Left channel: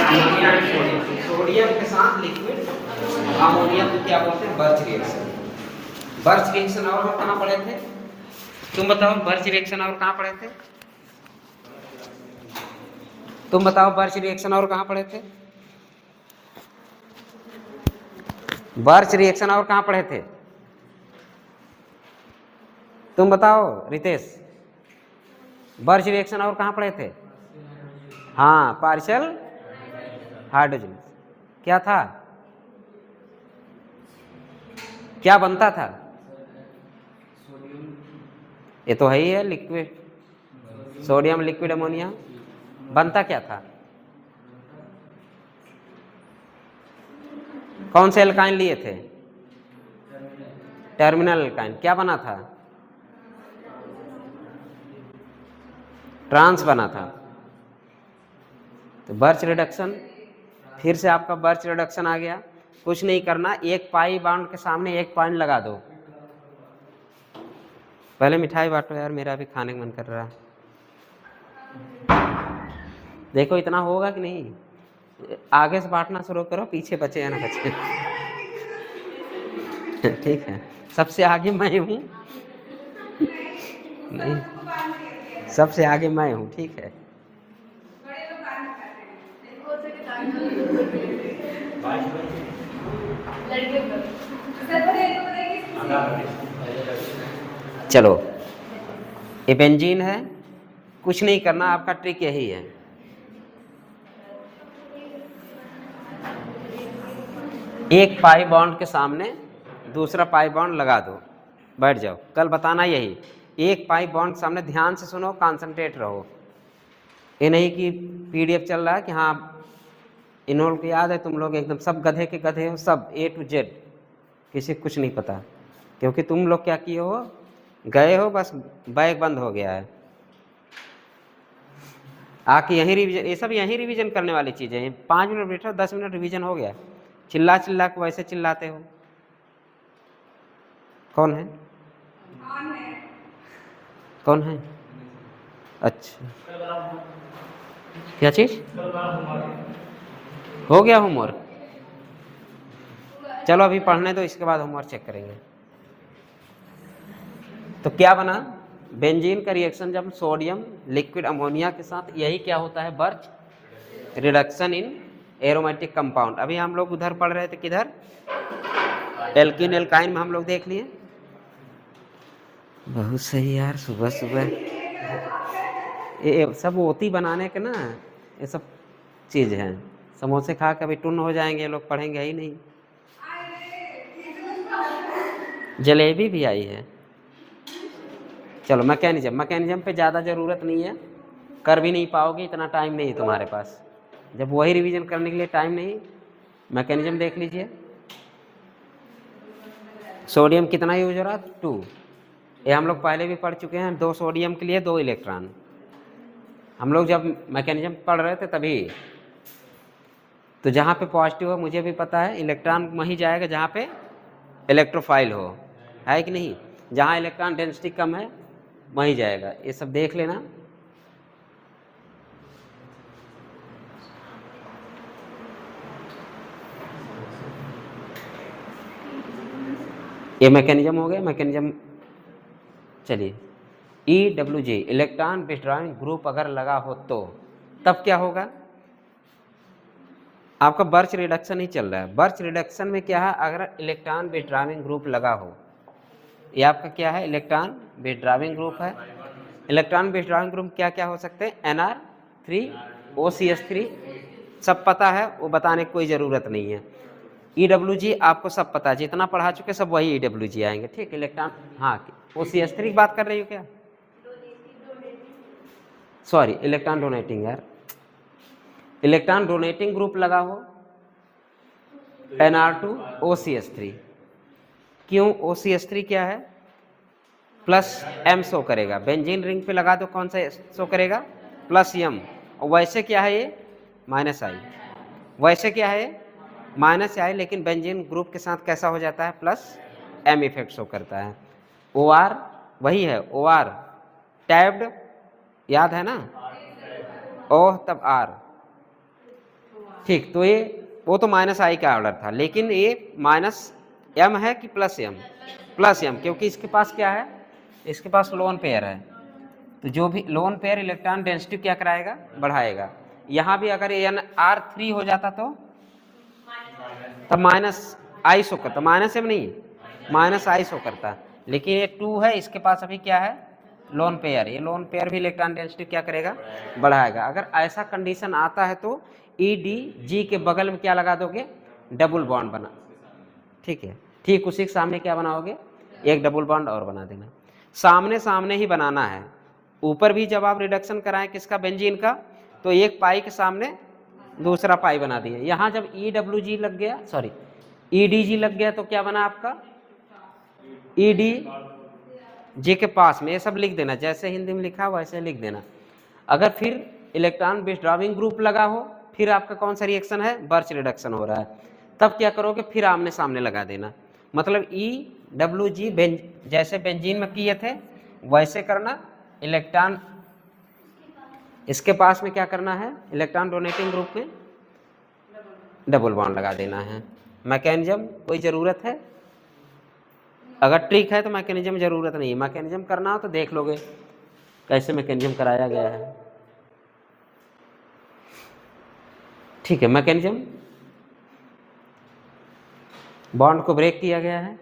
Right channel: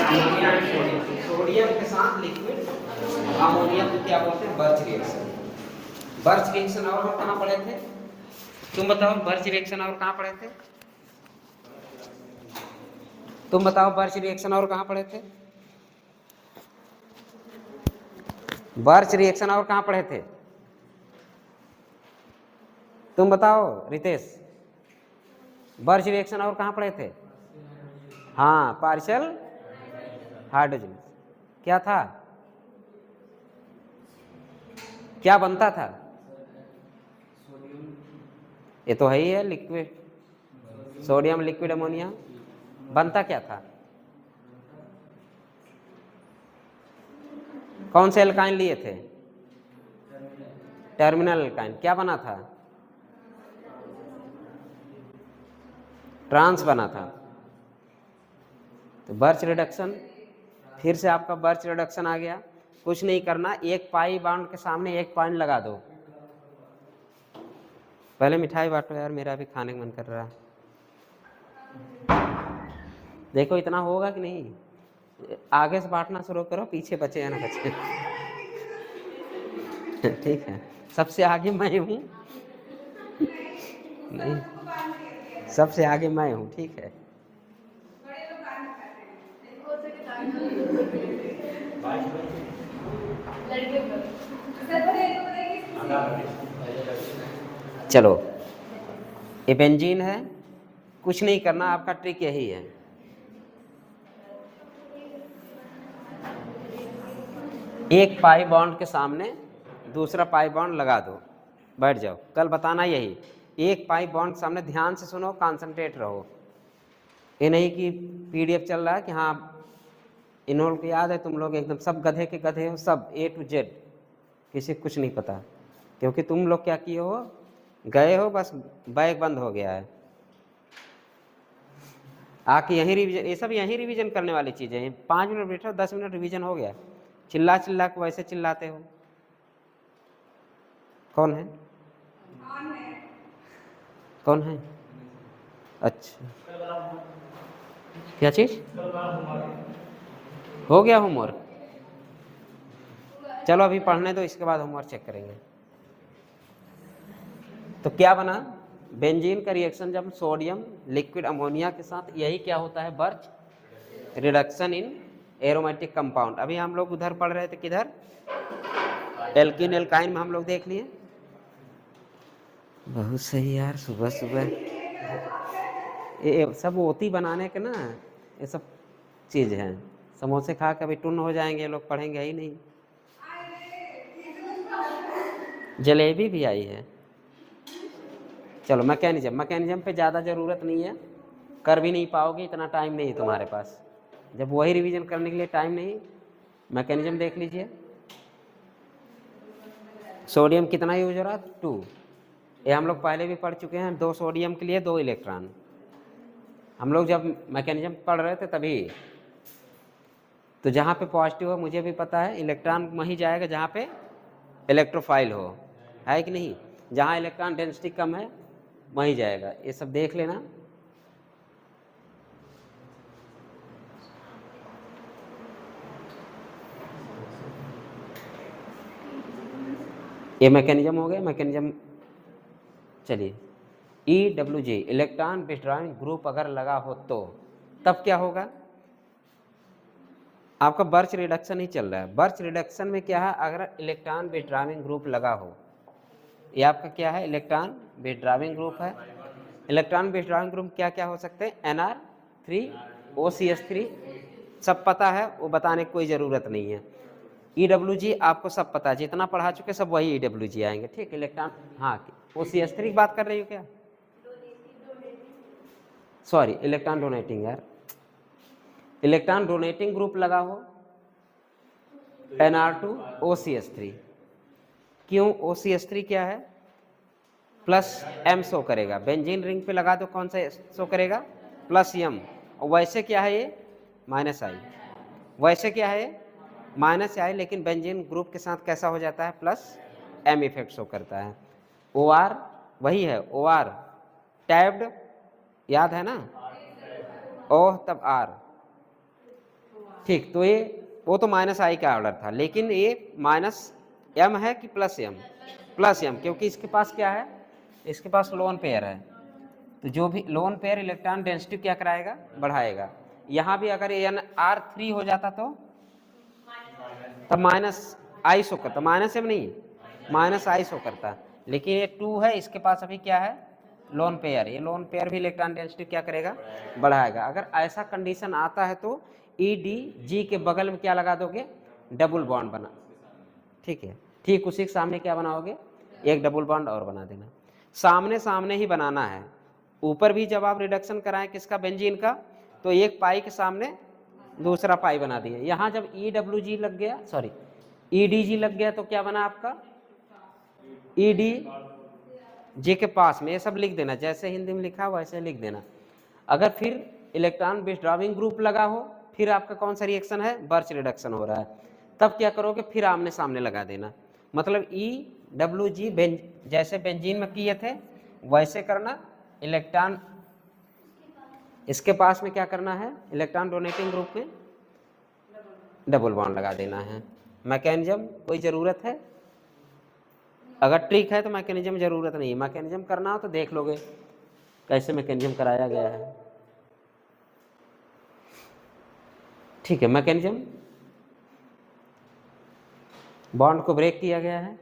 Ammonia and sodium, sodium के साथ liquid ammonia को क्या बोलते हैं? Birch reaction. बर्च रिएक्शन और हम कहाँ पढ़े थे? तुम बताओ, बर्च रिएक्शन और कहाँ पढ़े थे? तुम बताओ, बर्च रिएक्शन और कहाँ पढ़े थे? बर्च रिएक्शन और कहाँ पढ़े थे? तुम बताओ रितेश, बर्च रिएक्शन और कहाँ पढ़े थे? हाँ, पार्शियल हाइड्रोजन। क्या था? क्या बनता था? ये तो है ही है, लिक्विड सोडियम लिक्विड अमोनिया। बनता क्या था? कौन से एल्काइन लिए थे? Terminal alkyne. क्या बना था? ट्रांस बना था। तो बर्च रिडक्शन, फिर से आपका बर्च रिडक्शन आ गया। कुछ नहीं करना, एक पाई बाउंड के सामने एक पॉइंट लगा दो। पहले मिठाई बांटो यार, मेरा भी खाने का मन कर रहा है। देखो इतना होगा कि नहीं? आगे से बांटना शुरू करो, पीछे बचे या ना बचे। ठीक है, सबसे आगे मैं हूँ। नहीं, सबसे आगे मैं हूँ, ठीक है। चलो, ये बेंजीन है, कुछ नहीं करना, आपका ट्रिक यही है। एक पाई बॉन्ड के सामने दूसरा पाई बॉन्ड लगा दो, बैठ जाओ। कल बताना यही, एक पाई बॉन्ड के सामने, ध्यान से सुनो, कंसंट्रेट रहो। ये नहीं कि पीडीएफ चल रहा है कि हाँ इन लोगों को याद है, तुम लोग एकदम सब गधे के गधे हो, सब A to Z, किसी को कुछ नहीं पता। क्योंकि तुम लोग क्या किए हो, गए हो, बस बैग बंद हो गया है। आके यहीं रिवीजन, ये सब यहीं रिवीजन करने वाली चीज़ें हैं। 5 मिनट बैठो, 10 मिनट रिवीजन हो गया। चिल्ला चिल्ला को वैसे चिल्लाते हो। कौन है? कौन है? अच्छा, क्या चीज़ हो गया? होमवर्क? चलो अभी पढ़ने दो, इसके बाद होमवर्क चेक करेंगे। तो क्या बना? बेंजीन का रिएक्शन जब सोडियम लिक्विड अमोनिया के साथ, यही क्या होता है? Birch reduction in aromatic compound. अभी हम लोग उधर पढ़ रहे थे, किधर? एल्किन एल्काइन में हम लोग देख लिए। बहुत सही यार, सुबह सुबह ये सब ओती बनाने के ना, ये सब चीज़ है। समोसे खा के अभी टुन हो जाएंगे ये लोग, पढ़ेंगे ही नहीं। जलेबी भी आई है। चलो, मैकेनिज्म पे ज़्यादा ज़रूरत नहीं है, कर भी नहीं पाओगे, इतना टाइम नहीं है तुम्हारे पास। जब वही रिवीजन करने के लिए टाइम नहीं, मैकेनिज्म देख लीजिए। सोडियम कितना यूज हो रहा है? 2। ये हम लोग पहले भी पढ़ चुके हैं, 2 सोडियम के लिए 2 इलेक्ट्रॉन। हम लोग जब मैकेनिज्म पढ़ रहे थे तभी। तो जहाँ पे पॉजिटिव हो, मुझे भी पता है, इलेक्ट्रॉन वहीं जाएगा जहाँ पे इलेक्ट्रोफाइल हो, है कि नहीं? जहाँ इलेक्ट्रॉन डेंसिटी कम है वहीं जाएगा। ये सब देख लेना। ये मैकेनिज्म हो गया। मैकेनिज्म चलिए, EWG इलेक्ट्रॉन विथड्रॉइंग ग्रुप अगर लगा हो तो तब क्या होगा? आपका बर्च रिडक्शन ही चल रहा है। बर्च रिडक्शन में क्या है? अगर इलेक्ट्रॉन विथड्रॉइंग ग्रुप लगा हो, ये आपका क्या है? इलेक्ट्रॉन विथड्रॉइंग ग्रुप है। इलेक्ट्रॉन विथड्रॉइंग ग्रुप क्या क्या हो सकते हैं? Nr3 OCH3, सब पता है, वो बताने की कोई ज़रूरत नहीं है। EWG आपको सब पता है, जितना पढ़ा चुके सब वही EWG आएंगे, ठीक। इलेक्ट्रॉन, हाँ, OCH3 की बात कर रही हो क्या? सॉरी, इलेक्ट्रॉन डोनेटिंग यार। इलेक्ट्रॉन डोनेटिंग ग्रुप लगा हो, Nr2 OCH3। क्यों? OCH3 क्या है? प्लस M शो करेगा। बेंजीन रिंग पे लगा दो, कौन सा शो करेगा? Plus M। और वैसे क्या है ये? Minus I। वैसे क्या है? माइनस I, लेकिन बेंजीन ग्रुप के साथ कैसा हो जाता है? प्लस M इफेक्ट शो करता है। OR वही है, OR टैब्ड, याद है ना? O तब R, ठीक, तो ये वो तो माइनस आई का ऑर्डर था, लेकिन ये माइनस एम है कि प्लस एम? प्लस एम, क्योंकि इसके पास क्या है, इसके पास लोन पेयर है। तो जो भी लोन पेयर इलेक्ट्रॉन डेंसिटी क्या कराएगा, बढ़ाएगा। यहाँ भी अगर एन आर 3 हो जाता तो तब माइनस आई शो करता, माइनस एम नहीं, माइनस आई शो करता। लेकिन ये 2 है, इसके पास अभी क्या है, लोन पेयर। ये लोन पेयर भी इलेक्ट्रॉन डेंसिटी क्या करेगा, बढ़ाएगा। अगर ऐसा कंडीशन आता है तो ई डी जी के बगल में क्या लगा दोगे, डबल बॉन्ड बना, ठीक है। ठीक उसी के सामने क्या बनाओगे, एक डबल बॉन्ड और बना देना। सामने सामने ही बनाना है। ऊपर भी जब आप रिडक्शन कराएं किसका, बेंजीन का, तो एक पाई के सामने दूसरा पाई बना दिया। यहाँ जब ई डब्ल्यू जी लग गया, सॉरी ई डी जी लग गया, तो क्या बना आपका, ई डी जी के पास में ये सब लिख देना, जैसे हिंदी में लिखा वैसे लिख देना। अगर फिर इलेक्ट्रॉन विथड्रॉइंग ग्रुप लगा हो, फिर आपका कौन सा रिएक्शन है, बर्च रिडक्शन हो रहा है, तब क्या करोगे, फिर आमने सामने लगा देना। मतलब ई डब्ल्यू जी जैसे बेंजीन में किए थे वैसे करना। इलेक्ट्रॉन इसके पास में क्या करना है, इलेक्ट्रॉन डोनेटिंग ग्रुप में डबल बॉन्ड लगा देना है। मैकेनिज्म कोई ज़रूरत है, अगर ट्रिक है तो मैकेनिज्म ज़रूरत नहीं है। मैकेनिज्म करना हो तो देख लोगे कैसे मैकेनिज्म कराया गया है, ठीक है। मैकेनिज्म, बॉन्ड को ब्रेक किया गया है।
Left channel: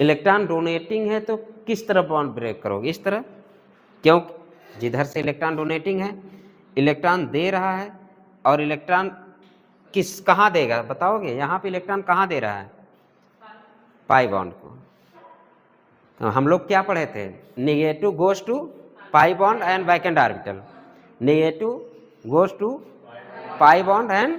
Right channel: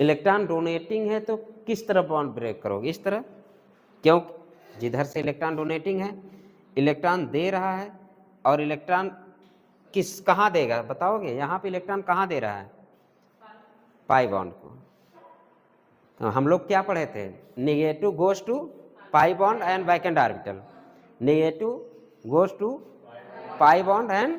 इलेक्ट्रॉन डोनेटिंग है तो किस तरह बॉन्ड ब्रेक करोगे, इस तरह, क्यों, जिधर से इलेक्ट्रॉन डोनेटिंग है, इलेक्ट्रॉन दे रहा है, और इलेक्ट्रॉन कहाँ देगा बताओगे, यहाँ पे इलेक्ट्रॉन कहाँ दे रहा है, पाई बॉन्ड को। तो हम लोग क्या पढ़े थे, negative goes to pi bond and vacant orbital, negative goes to pi bond and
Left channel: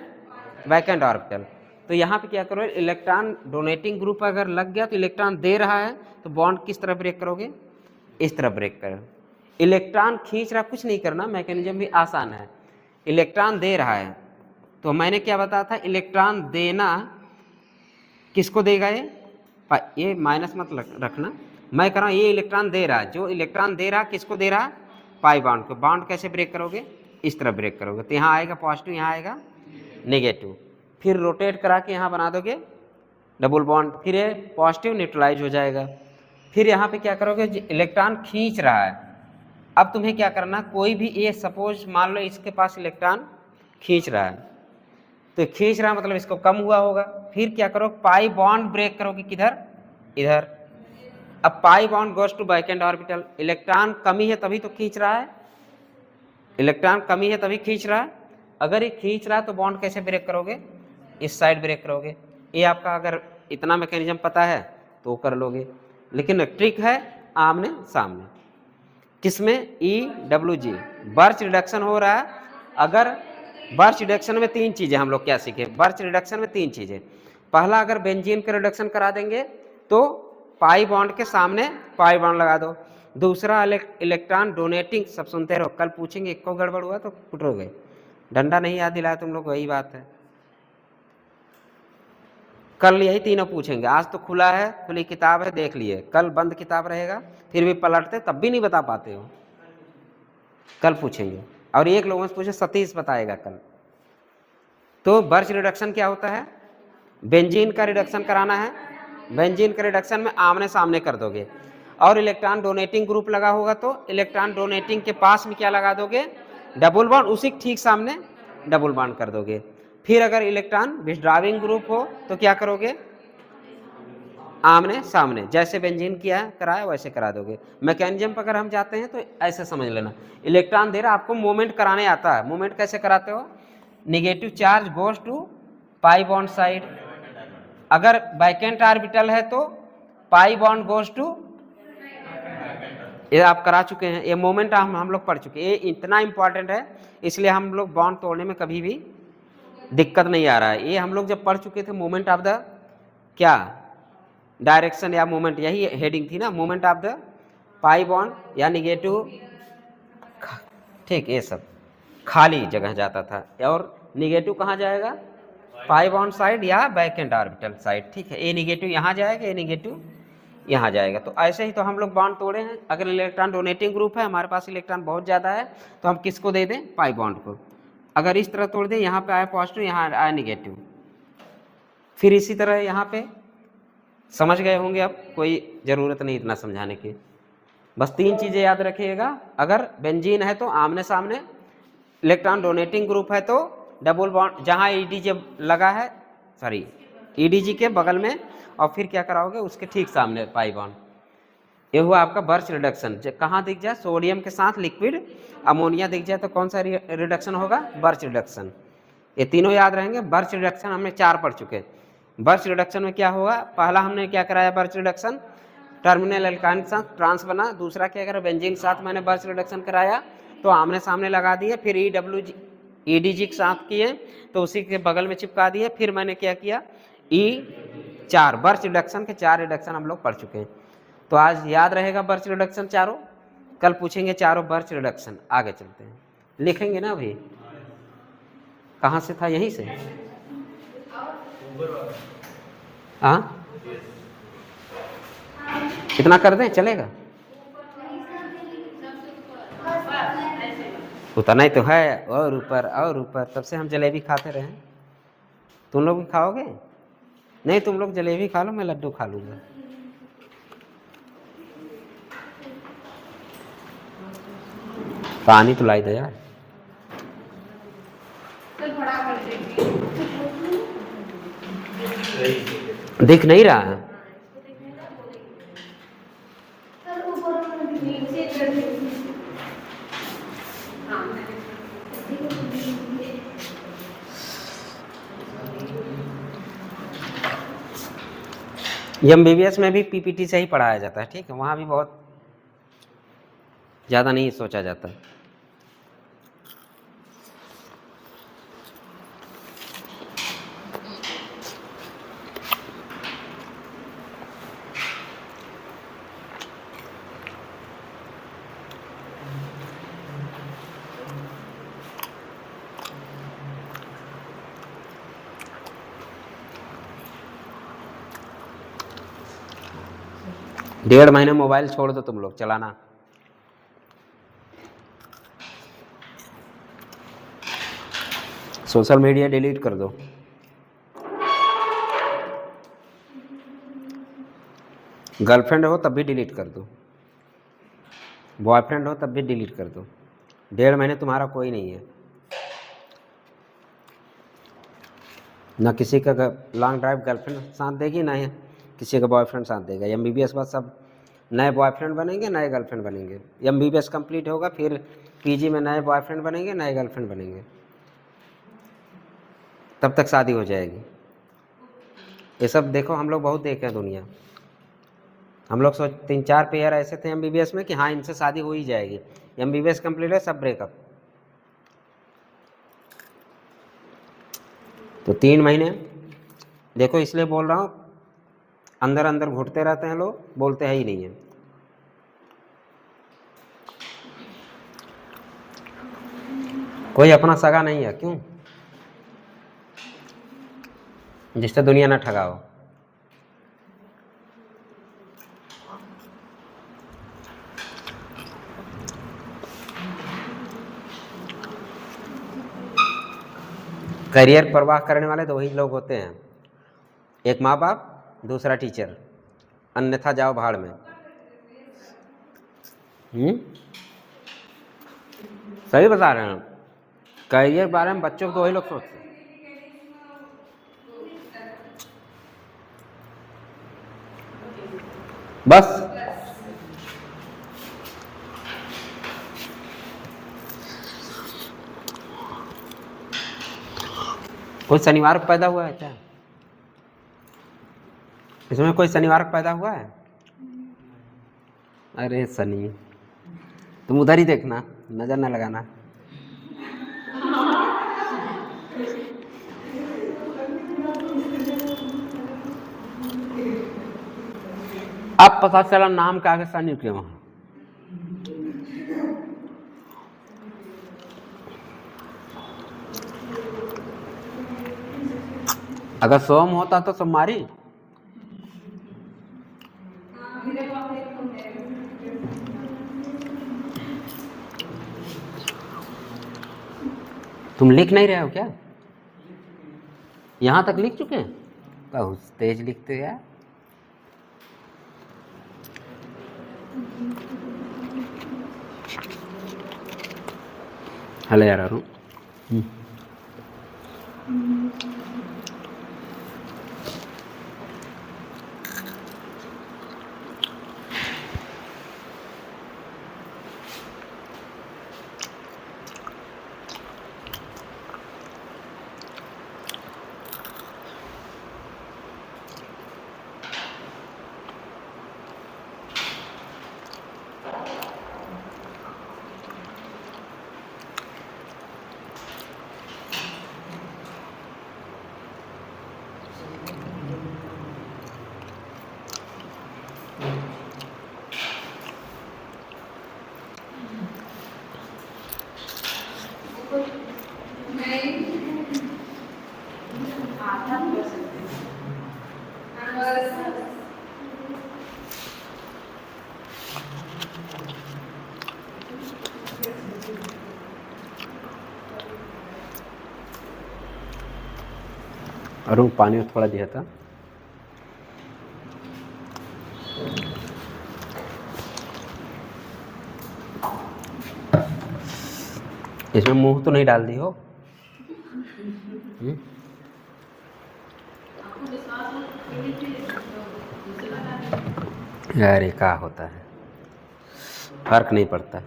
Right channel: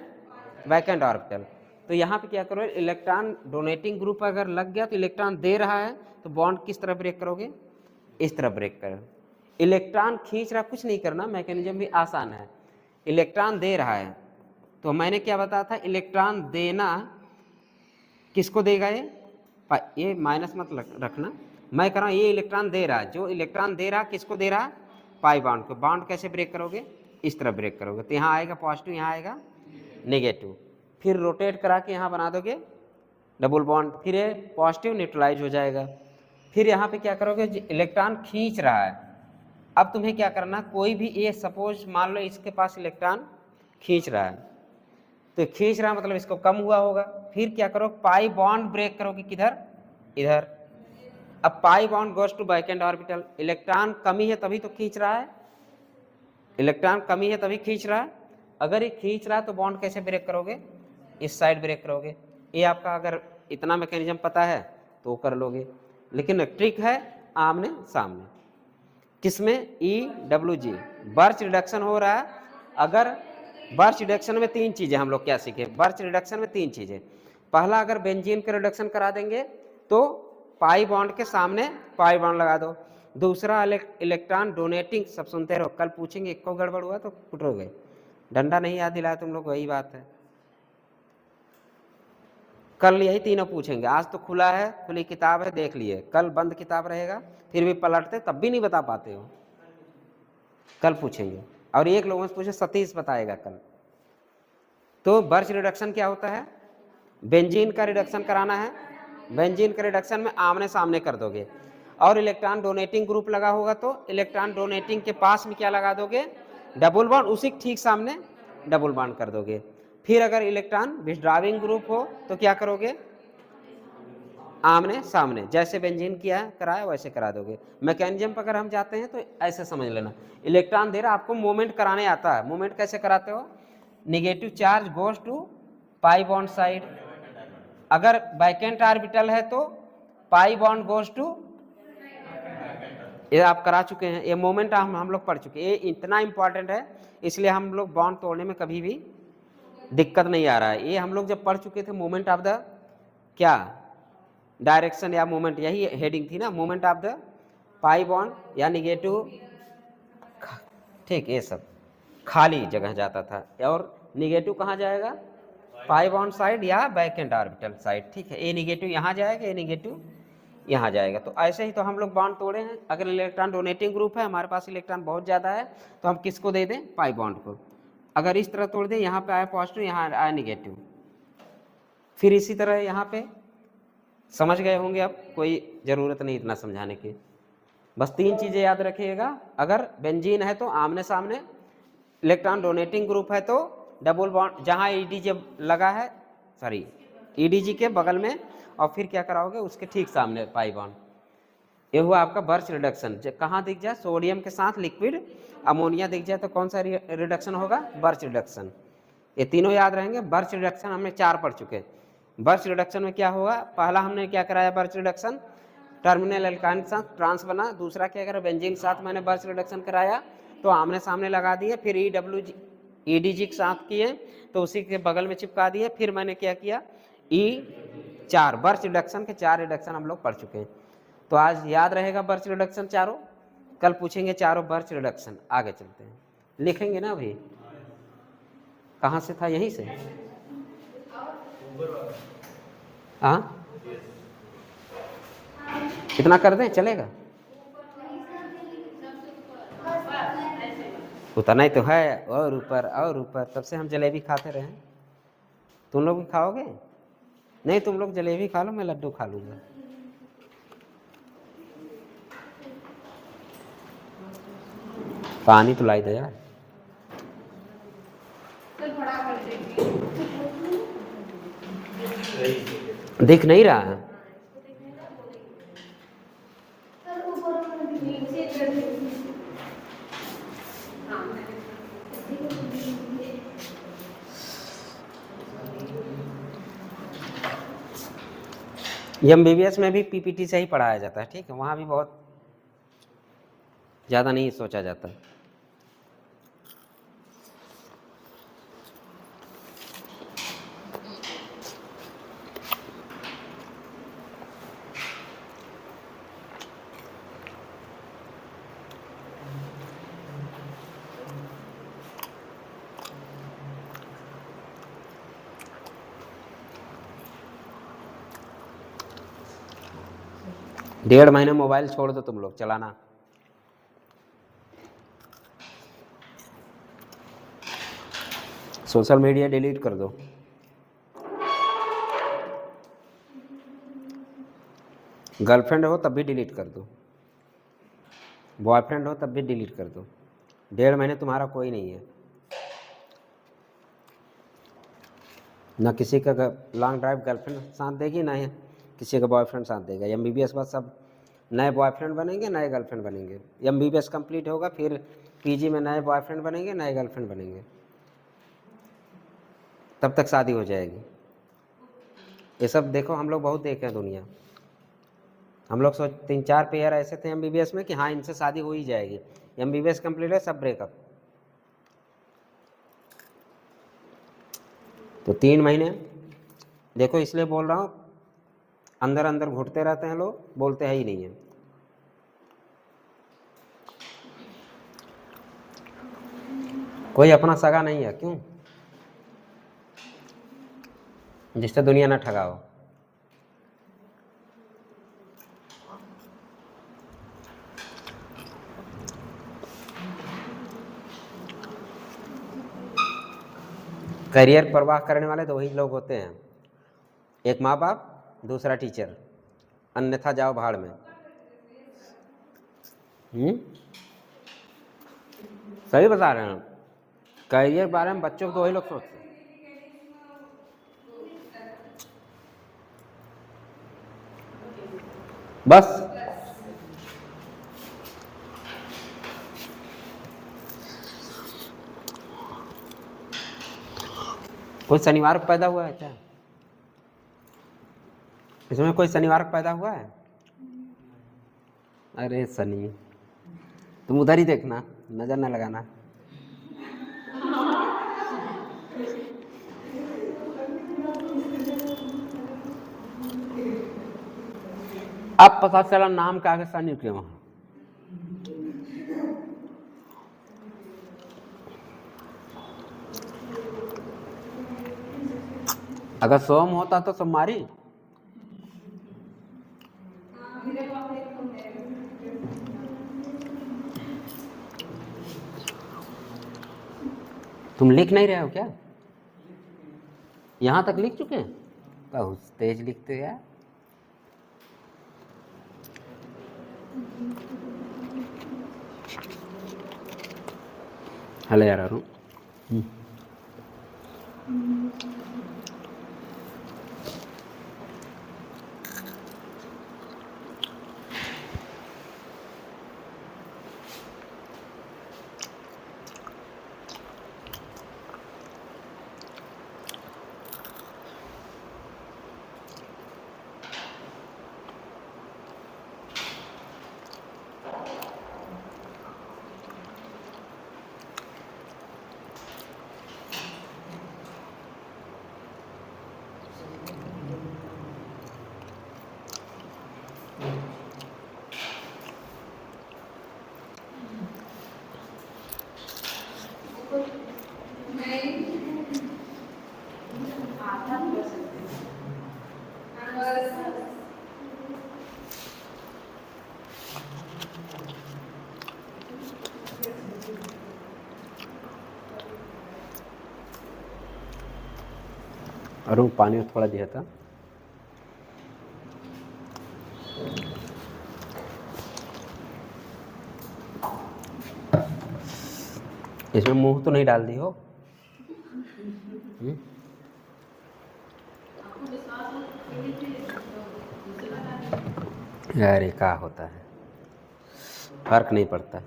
vacant orbital. तो यहाँ पे क्या करो, इलेक्ट्रॉन डोनेटिंग ग्रुप अगर लग गया तो इलेक्ट्रॉन दे रहा है, तो बॉन्ड किस तरह ब्रेक करोगे, इस तरह ब्रेक करो। इलेक्ट्रॉन खींच रहा, कुछ नहीं करना, मैकेनिज्म भी आसान है। इलेक्ट्रॉन दे रहा है, तो मैंने क्या बताया था, इलेक्ट्रॉन देना किसको देगा, ये माइनस मत रखना, मैं कह रहा हूँ ये इलेक्ट्रॉन दे रहा है, जो इलेक्ट्रॉन दे रहा है किसको दे रहा है, पाई बॉन्ड को। बॉन्ड कैसे ब्रेक करोगे, इस तरह ब्रेक करोगे, तो यहाँ आएगा पॉजिटिव, यहाँ आएगा नेगेटिव, फिर रोटेट करा के यहाँ बना दोगे डबल बॉन्ड, फिर ये पॉजिटिव न्यूट्रलाइज हो जाएगा। फिर यहाँ पे क्या करोगे, इलेक्ट्रॉन खींच रहा है, अब तुम्हें क्या करना, कोई भी ये सपोज मान लो इसके पास इलेक्ट्रॉन खींच रहा है, तो खींच रहा है मतलब इसको कम हुआ होगा। फिर क्या करो, पाई बॉन्ड ब्रेक करोगे, किधर, इधर। अब pi bond goes to vacant orbital, electron कमी है तभी तो खींच रहा है, इलेक्ट्रॉन कमी है तभी खींच रहा है। अगर ये खींच रहा है तो बॉन्ड कैसे ब्रेक करोगे, इस साइड ब्रेक करोगे। ये आपका अगर इतना मैकेनिज्म पता है तो कर लोगे, लेकिन ट्रिक है आमने सामने। किसमें, E W G, birch reduction हो रहा है। अगर बर्च रिडक्शन में 3 चीज़ें हम लोग क्या सीखे, बर्च रिडक्शन में 3 चीज़ें। पहला, अगर बेंजीन का रिडक्शन करा देंगे तो पाई बॉन्ड के सामने पाई बॉन्ड लगा दो। दूसरा, इलेक्ट्रॉन डोनेटिंग, सब सुनते रहो, कल पूछेंगे, एक को गड़बड़ हुआ तो कुटोगे, डंडा नहीं याद दिलाया तुम लोग, वही बात है, कल यही तीनों पूछेंगे। आज तो खुला है, खुली किताब है, देख लिए, कल बंद किताब रहेगा, फिर भी पलटते तब भी नहीं बता पाते हो, कल पूछेंगे। और एक लोगों से पूछे, सतीश बताएगा कल। तो बर्च रिडक्शन क्या होता है, बेंजीन का रिडक्शन कराना है, बेंजीन का रिडक्शन में आमने सामने कर दोगे, और इलेक्ट्रॉन डोनेटिंग ग्रुप लगा होगा तो इलेक्ट्रॉन डोनेटिंग के पास में क्या लगा दोगे, डबल बॉन्ड, उसी ठीक सामने डबल बॉन्ड कर दोगे। फिर अगर इलेक्ट्रॉन विथड्रॉइंग ग्रुप हो तो क्या करोगे, आमने सामने, जैसे बेंजीन किया कराया वैसे करा दोगे। मैकेनिज्म पर अगर हम जाते हैं तो ऐसे समझ लेना, इलेक्ट्रॉन दे रहा, आपको मूवमेंट कराने आता है। मूवमेंट कैसे कराते हो, negative charge goes to pi bond side, अगर वैकेंट ऑर्बिटल है तो पाई बॉन्ड गोज टू, ये आप करा चुके हैं, ये मोमेंट हम लोग पढ़ चुके हैं, ये इतना इंपॉर्टेंट है, इसलिए हम लोग बॉन्ड तोड़ने में कभी भी दिक्कत नहीं आ रहा है। ये हम लोग जब पढ़ चुके थे, मोमेंट ऑफ द क्या, डायरेक्शन या मोमेंट, यही हेडिंग थी ना, moment of the pi bond या निगेटिव, ठीक, ये सब खाली जगह जाता था, और निगेटिव कहाँ जाएगा, पाई बॉन्ड साइड या वैकेंट ऑर्बिटल साइड, ठीक है। ये निगेटिव यहाँ जाएगा, ये निगेटिव यहाँ जाएगा। तो ऐसे ही तो हम लोग बॉन्ड तोड़े हैं। अगर इलेक्ट्रॉन डोनेटिंग ग्रुप है, हमारे पास इलेक्ट्रॉन बहुत ज़्यादा है, तो हम किसको दे दें, पाई बॉन्ड को। अगर इस तरह तोड़ दें, यहाँ पे आया पॉजिटिव, यहाँ आया निगेटिव। फिर इसी तरह यहाँ पे समझ गए होंगे, अब कोई ज़रूरत नहीं इतना समझाने की। बस 3 चीज़ें याद रखिएगा। अगर बेंजीन है तो आमने सामने, इलेक्ट्रॉन डोनेटिंग ग्रुप है तो डबल बॉन्ड, जहाँ ईडीजी लगा है, सॉरी ईडीजी के बगल में, और फिर क्या कराओगे उसके ठीक सामने पाई बॉन्ड। ये हुआ आपका बर्च रिडक्शन। कहाँ दिख जाए, सोडियम के साथ लिक्विड अमोनिया दिख जाए तो कौन सा रिडक्शन होगा, बर्च रिडक्शन। ये तीनों याद रहेंगे। बर्च रिडक्शन हमने 4 पढ़ चुके। बर्च रिडक्शन में क्या होगा, पहला हमने क्या कराया बर्च रिडक्शन, टर्मिनल एल्काइन के साथ ट्रांस बना। दूसरा क्या करा, बेंजीन के साथ मैंने बर्च रिडक्शन कराया तो आमने सामने लगा दिए। फिर ईडीजी के साथ किए तो उसी के बगल में चिपका दिए। फिर मैंने क्या किया, E4 बर्च रिडक्शन के 4 रिडक्शन हम लोग पढ़ चुके हैं। तो आज याद रहेगा बर्च रिडक्शन चारों, कल पूछेंगे चारों बर्च रिडक्शन। आगे चलते हैं, लिखेंगे ना अभी, कहाँ से था, यहीं से। हाँ इतना कर दें चलेगा, उतना ही तो है, और ऊपर और ऊपर। तब से हम जलेबी खाते रहे। तुम लोग भी खाओगे? नहीं, तुम लोग जलेबी खा लो, मैं लड्डू खा लूँगा। पानी तो लाई दो यार, दिख नहीं रहा है। एमबीबीएस में भी पीपीटी से ही पढ़ाया जाता है, ठीक है, वहाँ भी बहुत ज़्यादा नहीं सोचा जाता। डेढ़ महीने मोबाइल छोड़ दो तुम लोग चलाना। सोशल मीडिया डिलीट कर दो। गर्लफ्रेंड हो तब भी डिलीट कर दो, बॉयफ्रेंड हो तब भी डिलीट कर दो। 1.5 महीने तुम्हारा कोई नहीं है, ना किसी का लॉन्ग ड्राइव गर्लफ्रेंड साथ देगी, ना किसी का बॉयफ्रेंड साथ देगा। एमबीबीएस बाद सब नए बॉयफ्रेंड बनेंगे, नए गर्लफ्रेंड बनेंगे। एमबीबीएस कंप्लीट होगा, फिर पीजी में नए बॉयफ्रेंड बनेंगे, नए गर्लफ्रेंड बनेंगे, तब तक शादी हो जाएगी। ये सब देखो, हम लोग बहुत देखे हैं दुनिया। हम लोग 3-4 पेयर ऐसे थे एमबीबीएस में कि हाँ इनसे शादी हो ही जाएगी। एमबीबीएस कंप्लीट है, सब ब्रेकअप। तो 3 महीने देखो, इसलिए बोल रहा हूँ, अंदर अंदर घुटते रहते हैं लोग, बोलते हैं ही नहीं है। कोई अपना सगा नहीं है, क्यों, जिससे दुनिया ना ठगाओ। करियर परवाह करने वाले तो वही लोग होते हैं, एक माँ बाप, दूसरा टीचर, अन्यथा जाओ भाड़ में। सही बता रहे हैं, करियर के बारे में बच्चों को वही लोग सोचते हैं। बस कोई शनिवार को पैदा हुआ है क्या, इसमें कोई शनिवार को पैदा हुआ है? अरे शनि, तुम उधर ही देखना, नजर ना लगाना। अब पता चला नाम का आगे शनि क्यों है। अगर सोम होता तो सोमवारी। तुम लिख नहीं रहे हो क्या? यहाँ तक लिख चुके हैं? बहुत तेज लिखते हैं यार। हले यार अरुण पानी थोड़ा दिया था। इसमें मुंह तो नहीं डाल दी हो? यार ये क्या होता है, फर्क नहीं पड़ता।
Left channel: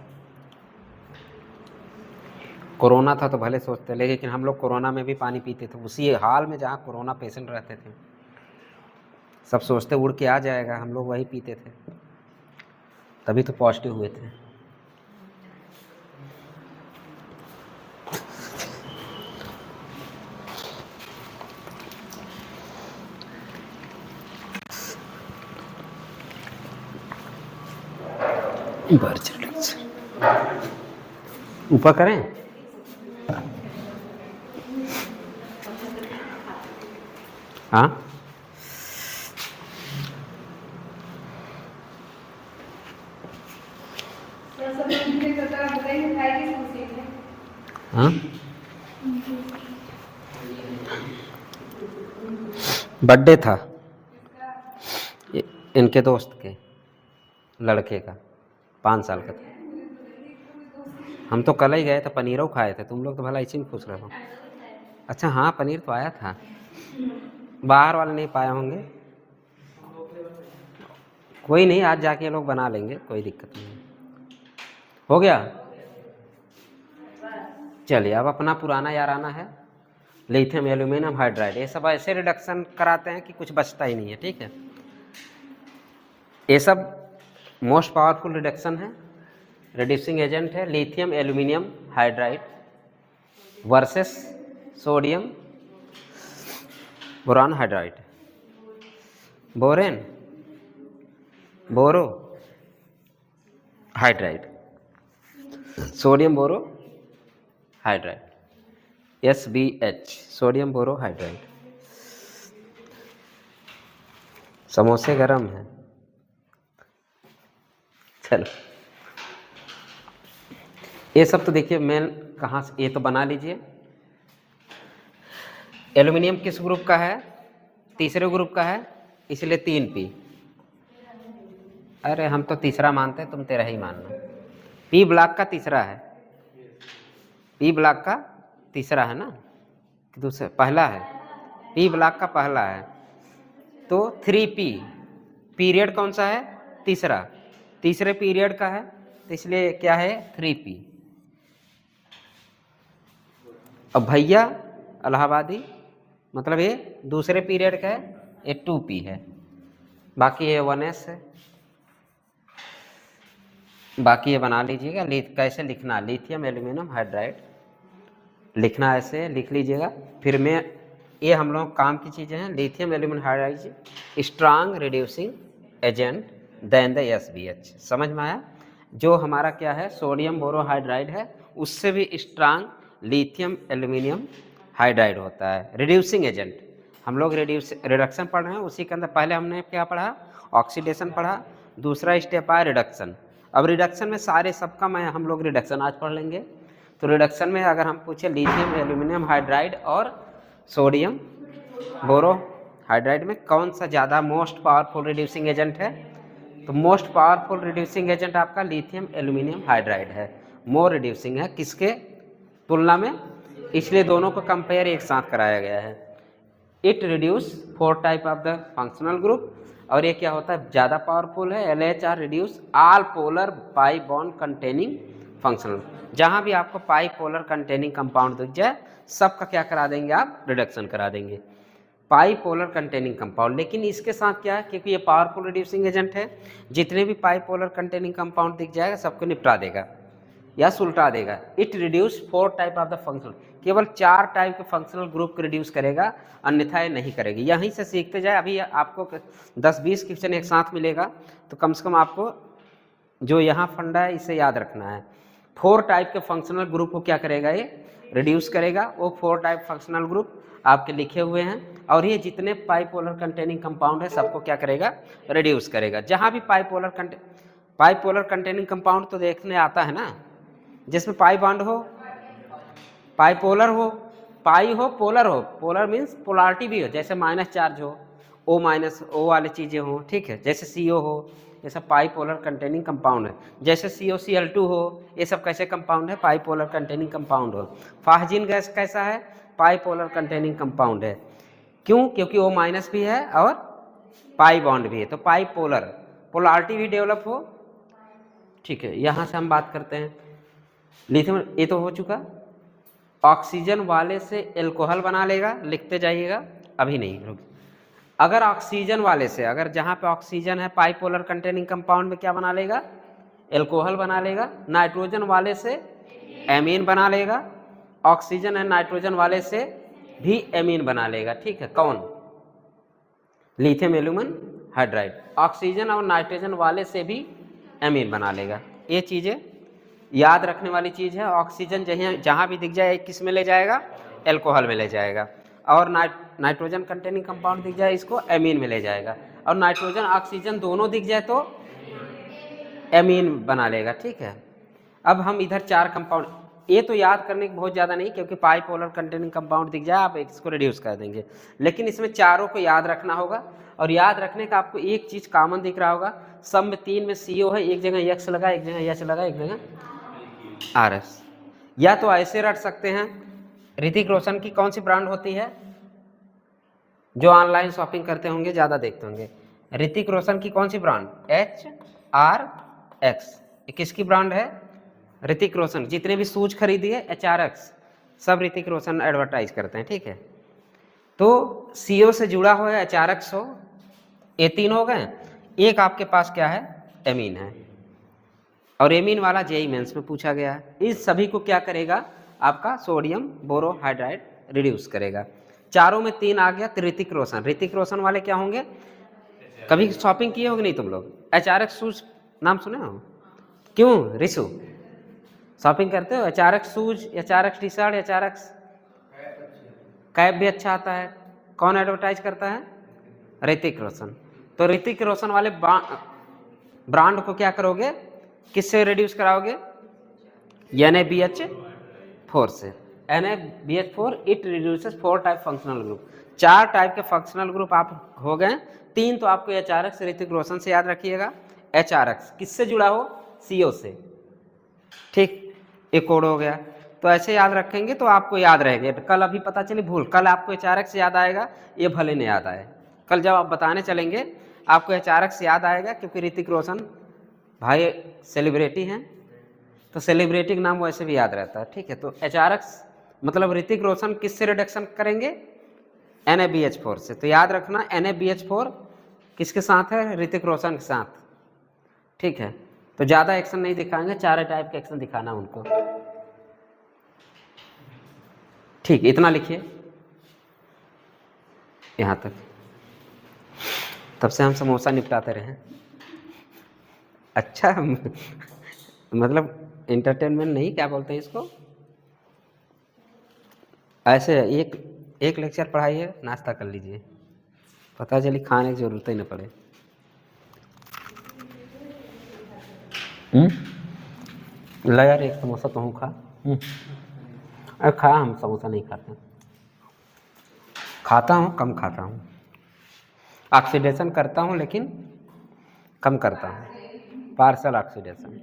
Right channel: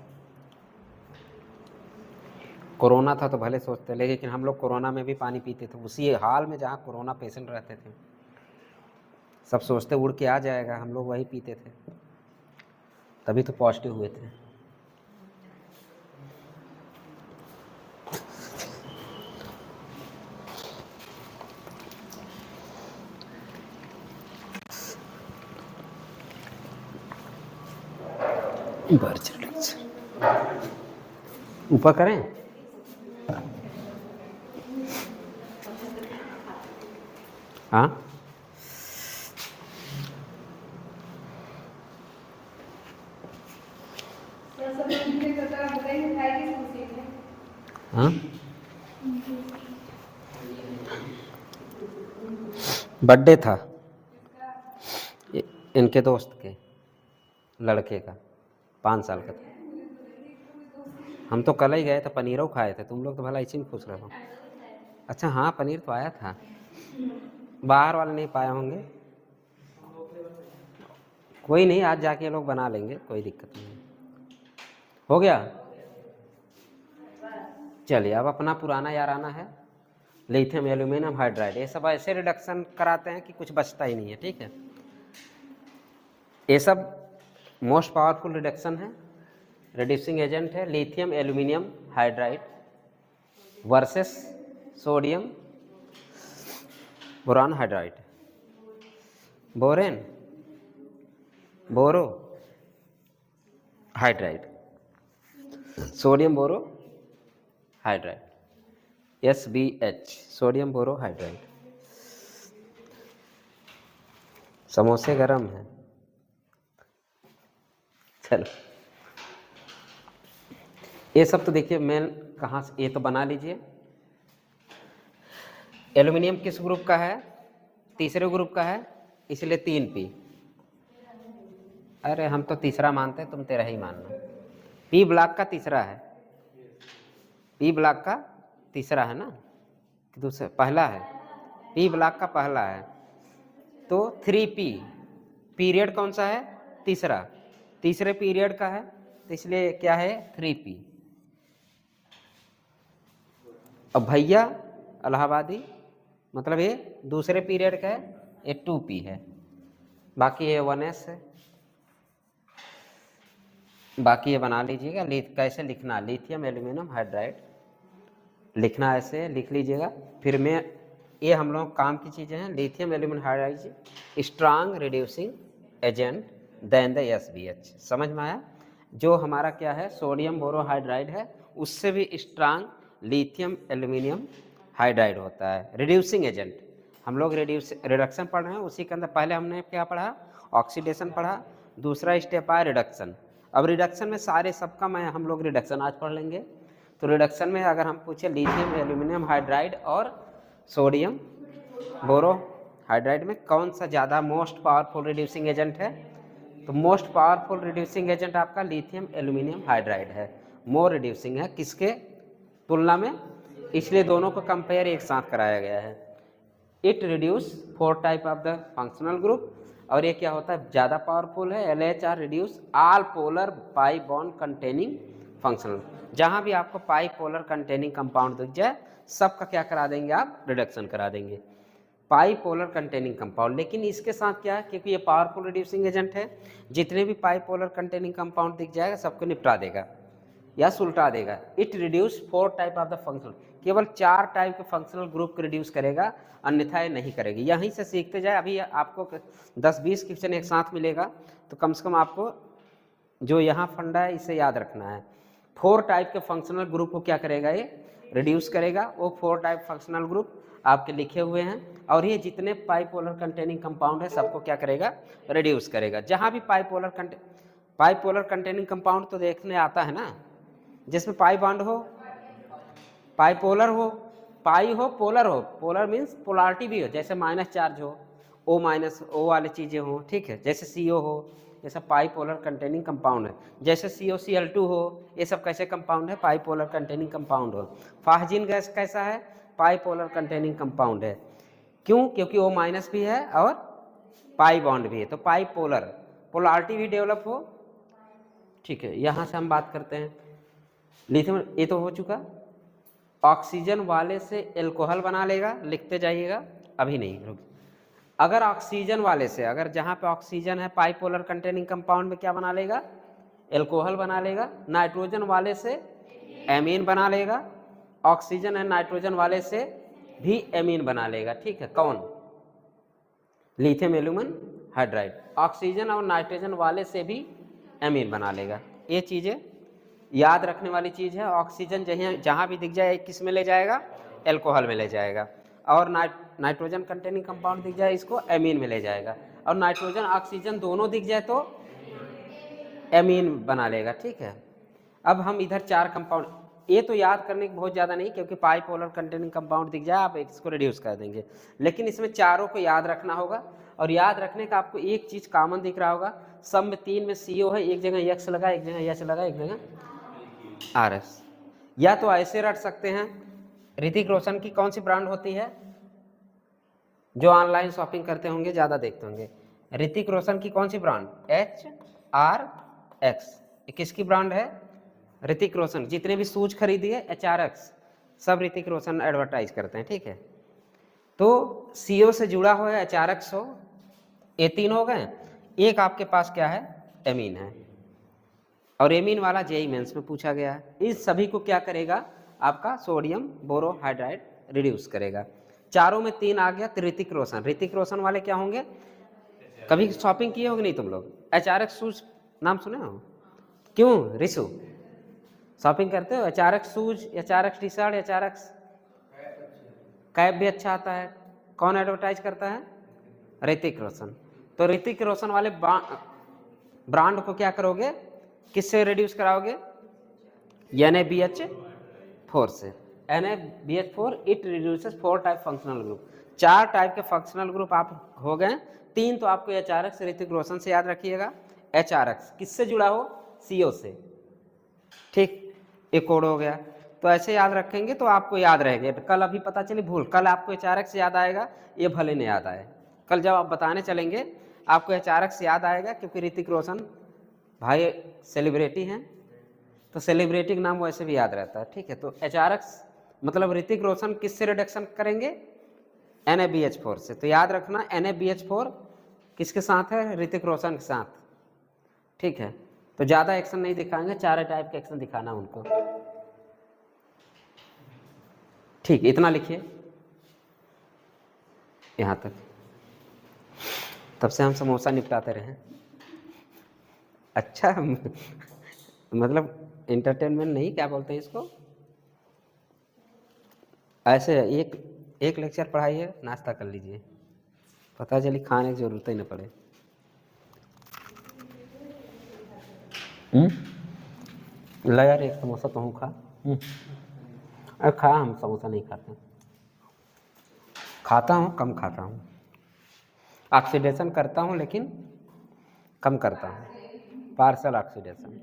कोरोना था तो भले सोचते, लेकिन हम लोग कोरोना में भी पानी पीते थे, उसी हाल में जहाँ कोरोना पेशेंट रहते थे। सब सोचते उड़ के आ जाएगा, हम लोग वही पीते थे, तभी तो पॉजिटिव हुए थे। ऊपर करें? हाँ हाँ, बर्थडे था इनके दोस्त के लड़के का, 5 साल का था। हम तो कल ही गए थे, पनीरों खाए थे। तुम लोग तो भला इसी में खुश रहो। अच्छा हाँ, पनीर तो आया था, बाहर वाले नहीं पाए होंगे। कोई नहीं, आज जाके लोग बना लेंगे, कोई दिक्कत नहीं। हो गया? चलिए, अब अपना पुराना याराना है लिथियम एल्यूमिनियम हाइड्राइड। ये सब ऐसे रिडक्शन कराते हैं कि कुछ बचता ही नहीं है, ठीक है। ये सब मोस्ट पावरफुल रिडक्शन है, रिड्यूसिंग एजेंट है lithium aluminium hydride versus sodium boron hydride, borane boro hydride, sodium boro hydride, SBH, sodium boro hydride. समोसे गरम है। चलो, ये सब तो देखिए मेन कहाँ से, ये तो बना लीजिए। एल्यूमिनियम किस ग्रुप का है? तीसरे ग्रुप का है, इसलिए 3P। अरे हम तो तीसरा मानते हैं, तुम तेरा ही मानना। P ब्लॉक का तीसरा है, P ब्लॉक का तीसरा है ना, दूसरा पहला है, P ब्लॉक का पहला है, तो 3P। पीरियड कौन सा है? तीसरा, तीसरे पीरियड का है, तो इसलिए क्या है? 3P। अब भैया इलाहाबादी, मतलब ये दूसरे पीरियड का है, ये 2P है, बाकी ये 1S है। बाकी ये बना लीजिएगा। कैसे लिखना? लिथियम एल्यूमिनियम हाइड्राइड लिखना, ऐसे लिख लीजिएगा। फिर मैं ये हम लोग काम की चीज़ें हैं। Lithium aluminium hydride strong reducing agent than the SBH। समझ में आया? जो हमारा क्या है, सोडियम बोरोहाइड्राइड है, उससे भी स्ट्रांग लिथियम एल्यूमिनियम हाइड्राइड होता है, रिड्यूसिंग एजेंट। हम लोग रिडक्शन पढ़ रहे हैं, उसी के अंदर पहले हमने क्या पढ़ा? ऑक्सीडेशन पढ़ा, दूसरा स्टेप आया रिडक्शन। अब रिडक्शन में सारे सबका मैं हम लोग रिडक्शन आज पढ़ लेंगे। तो रिडक्शन में अगर हम पूछे लिथियम एल्यूमिनियम हाइड्राइड और सोडियम बोरो हाइड्राइड में कौन सा ज़्यादा मोस्ट पावरफुल रिड्यूसिंग एजेंट है, तो मोस्ट पावरफुल रिड्यूसिंग एजेंट आपका लिथियम एल्यूमिनियम हाइड्राइड है, मोर रिड्यूसिंग है किसके तुलना में, इसलिए दोनों को कंपेयर एक साथ कराया गया है। It reduce 4 type of the functional group, और ये क्या होता है ज़्यादा पावरफुल है, LHR reduce all polar pi bond containing functional, जहाँ भी आपको पाई पोलर कंटेनिंग कंपाउंड दिख जाए सबका क्या करा देंगे आप, रिडक्शन करा देंगे, पाई पोलर कंटेनिंग कंपाउंड। लेकिन इसके साथ क्या है, क्योंकि ये पावरफुल रिड्यूसिंग एजेंट है, जितने भी पाई पोलर कंटेनिंग कंपाउंड दिख जाएगा सबको निपटा देगा या सुलटा देगा। It reduce 4 type of the functional, केवल 4 टाइप के फंक्शनल ग्रुप को रिड्यूस करेगा, अन्यथा ये नहीं करेगी। यहीं से सीखते जाए, अभी आपको 10-20 क्वेश्चन एक साथ मिलेगा, तो कम से कम आपको जो यहाँ फंडा है इसे याद रखना है। 4 टाइप के फंक्शनल ग्रुप को क्या करेगा, ये रिड्यूस करेगा। वो 4 टाइप फंक्शनल ग्रुप आपके लिखे हुए हैं, और ये जितने पाइपोलर कंटेनिंग कंपाउंड है सबको क्या करेगा, रिड्यूस करेगा। जहाँ भी पाइपोलर कंटेनिंग कंपाउंड तो देखने आता है ना, जिसमें पाई बॉन्ड हो, पाइपोलर हो, पाई हो, पोलर हो, पोलर मीन्स पोलारिटी भी हो, जैसे माइनस चार्ज हो, O माइनस O वाली चीज़ें हो, ठीक है, जैसे CO हो, ये सब पाइपोलर कंटेनिंग कंपाउंड है। जैसे COCl2 हो, ये सब कैसे कंपाउंड है, पाइपोलर कंटेनिंग कंपाउंड हो। फाहजीन गैस कैसा है, पाइपोलर कंटेनिंग कंपाउंड है। क्यों, क्योंकि O माइनस भी है और पाई बॉन्ड भी है, तो पाइपोलर, पोलारिटी भी डेवलप हो, ठीक है। यहाँ से हम बात करते हैं लिथियम, ये तो हो चुका। ऑक्सीजन वाले से एल्कोहल बना लेगा, लिखते जाइएगा, अभी नहीं रुक। अगर ऑक्सीजन वाले से, अगर जहाँ पे ऑक्सीजन है पाइपोलर कंटेनिंग कंपाउंड में क्या बना लेगा, एल्कोहल बना लेगा। नाइट्रोजन वाले से एमीन बना लेगा, ऑक्सीजन है नाइट्रोजन वाले से भी एमीन बना लेगा, ठीक है। कौन, लिथियम एल्यूमिनियम हाइड्राइड। ऑक्सीजन और नाइट्रोजन वाले से भी एमीन बना लेगा। ये चीज़ें याद रखने वाली चीज़ है। ऑक्सीजन जहाँ भी दिख जाए किस में ले जाएगा, एल्कोहल में ले जाएगा, और नाइट्रोजन कंटेनिंग कंपाउंड दिख जाए इसको एमीन में ले जाएगा, और नाइट्रोजन ऑक्सीजन दोनों दिख जाए तो एमीन बना लेगा, ठीक है। अब हम इधर 4 कंपाउंड, ये तो याद करने की बहुत ज़्यादा नहीं, क्योंकि पाइपोलर कंटेनिंग कंपाउंड दिख जाए आप इसको रिड्यूस कर देंगे, लेकिन इसमें चारों को याद रखना होगा। और याद रखने का आपको एक चीज़ कॉमन दिख रहा होगा, सब में 3 में CO है, एक जगह X लगा, एक जगह H लगा, एक जगह RS। या तो ऐसे रट सकते हैं, ऋतिक रोशन की कौन सी ब्रांड होती है, जो ऑनलाइन शॉपिंग करते होंगे ज़्यादा देखते होंगे, ऋतिक रोशन की कौन सी ब्रांड, HRX, किसकी ब्रांड है, ऋतिक रोशन। जितने भी शूज खरीदिए HRX, सब ऋतिक रोशन एडवर्टाइज करते हैं, ठीक है। तो CO से जुड़ा हो या HRX हो, ये 3 हो गए। एक आपके पास क्या है, एमीन है, और एमीन वाला JEE मेंस में पूछा गया है। इस सभी को क्या करेगा, आपका सोडियम बोरोहाइड्राइड रिड्यूस करेगा। चारों में 3 आ गया, तो ऋतिक रोशन। ऋतिक रोशन वाले क्या होंगे, कभी शॉपिंग किए होंगे नहीं तुम लोग, HRX शूज नाम सुने हो, क्यों रिशु शॉपिंग करते हो, HRX shoes, HRX T shirt, HRX cap भी अच्छा आता है। कौन एडवर्टाइज करता है, ऋतिक रोशन। तो ऋतिक रोशन वाले ब्रांड को क्या करोगे, किससे रिड्यूस कराओगे, NaBH4 से। NaBH4 it reduces 4 type functional group. 4 type के फंक्शनल ग्रुप आप हो गए। 3 तो आपको HRX ऋतिक रोशन से याद रखिएगा। HRX किससे जुड़ा हो, CO से, ठीक, एक कोड हो गया। तो ऐसे याद रखेंगे तो आपको याद रहेगा। कल अभी पता चले भूल, कल आपको HRX याद आएगा, ये भले नहीं याद आए, कल जब आप बताने चलेंगे आपको HRX याद आएगा, क्योंकि ऋतिक रोशन भाई सेलिब्रिटी हैं, तो सेलिब्रिटी का नाम वैसे भी याद रहता है, ठीक है। तो HRX मतलब ऋतिक रोशन किससे रिडक्शन करेंगे, NaBH4 से। तो याद रखना NaBH4 किसके साथ है, ऋतिक रोशन के साथ, ठीक है। तो ज़्यादा एक्शन नहीं दिखाएंगे, 4 टाइप के एक्शन दिखाना उनको, ठीक। इतना लिखिए यहाँ तक। तब से हम समोसा निपटाते रहे, अच्छा मतलब एंटरटेनमेंट नहीं, क्या बोलते हैं इसको, ऐसे एक लेक्चर पढ़ाइए, नाश्ता कर लीजिए, पता चली खाने की जरूरत ही न पड़े। ला यार एक समोसा तो हूँ खा। अरे खाया, हम समोसा नहीं खाते। खाता हूँ, कम खाता हूँ। ऑक्सीडेशन करता हूँ लेकिन कम करता हूँ, पार्सल ऑक्सीडेशन।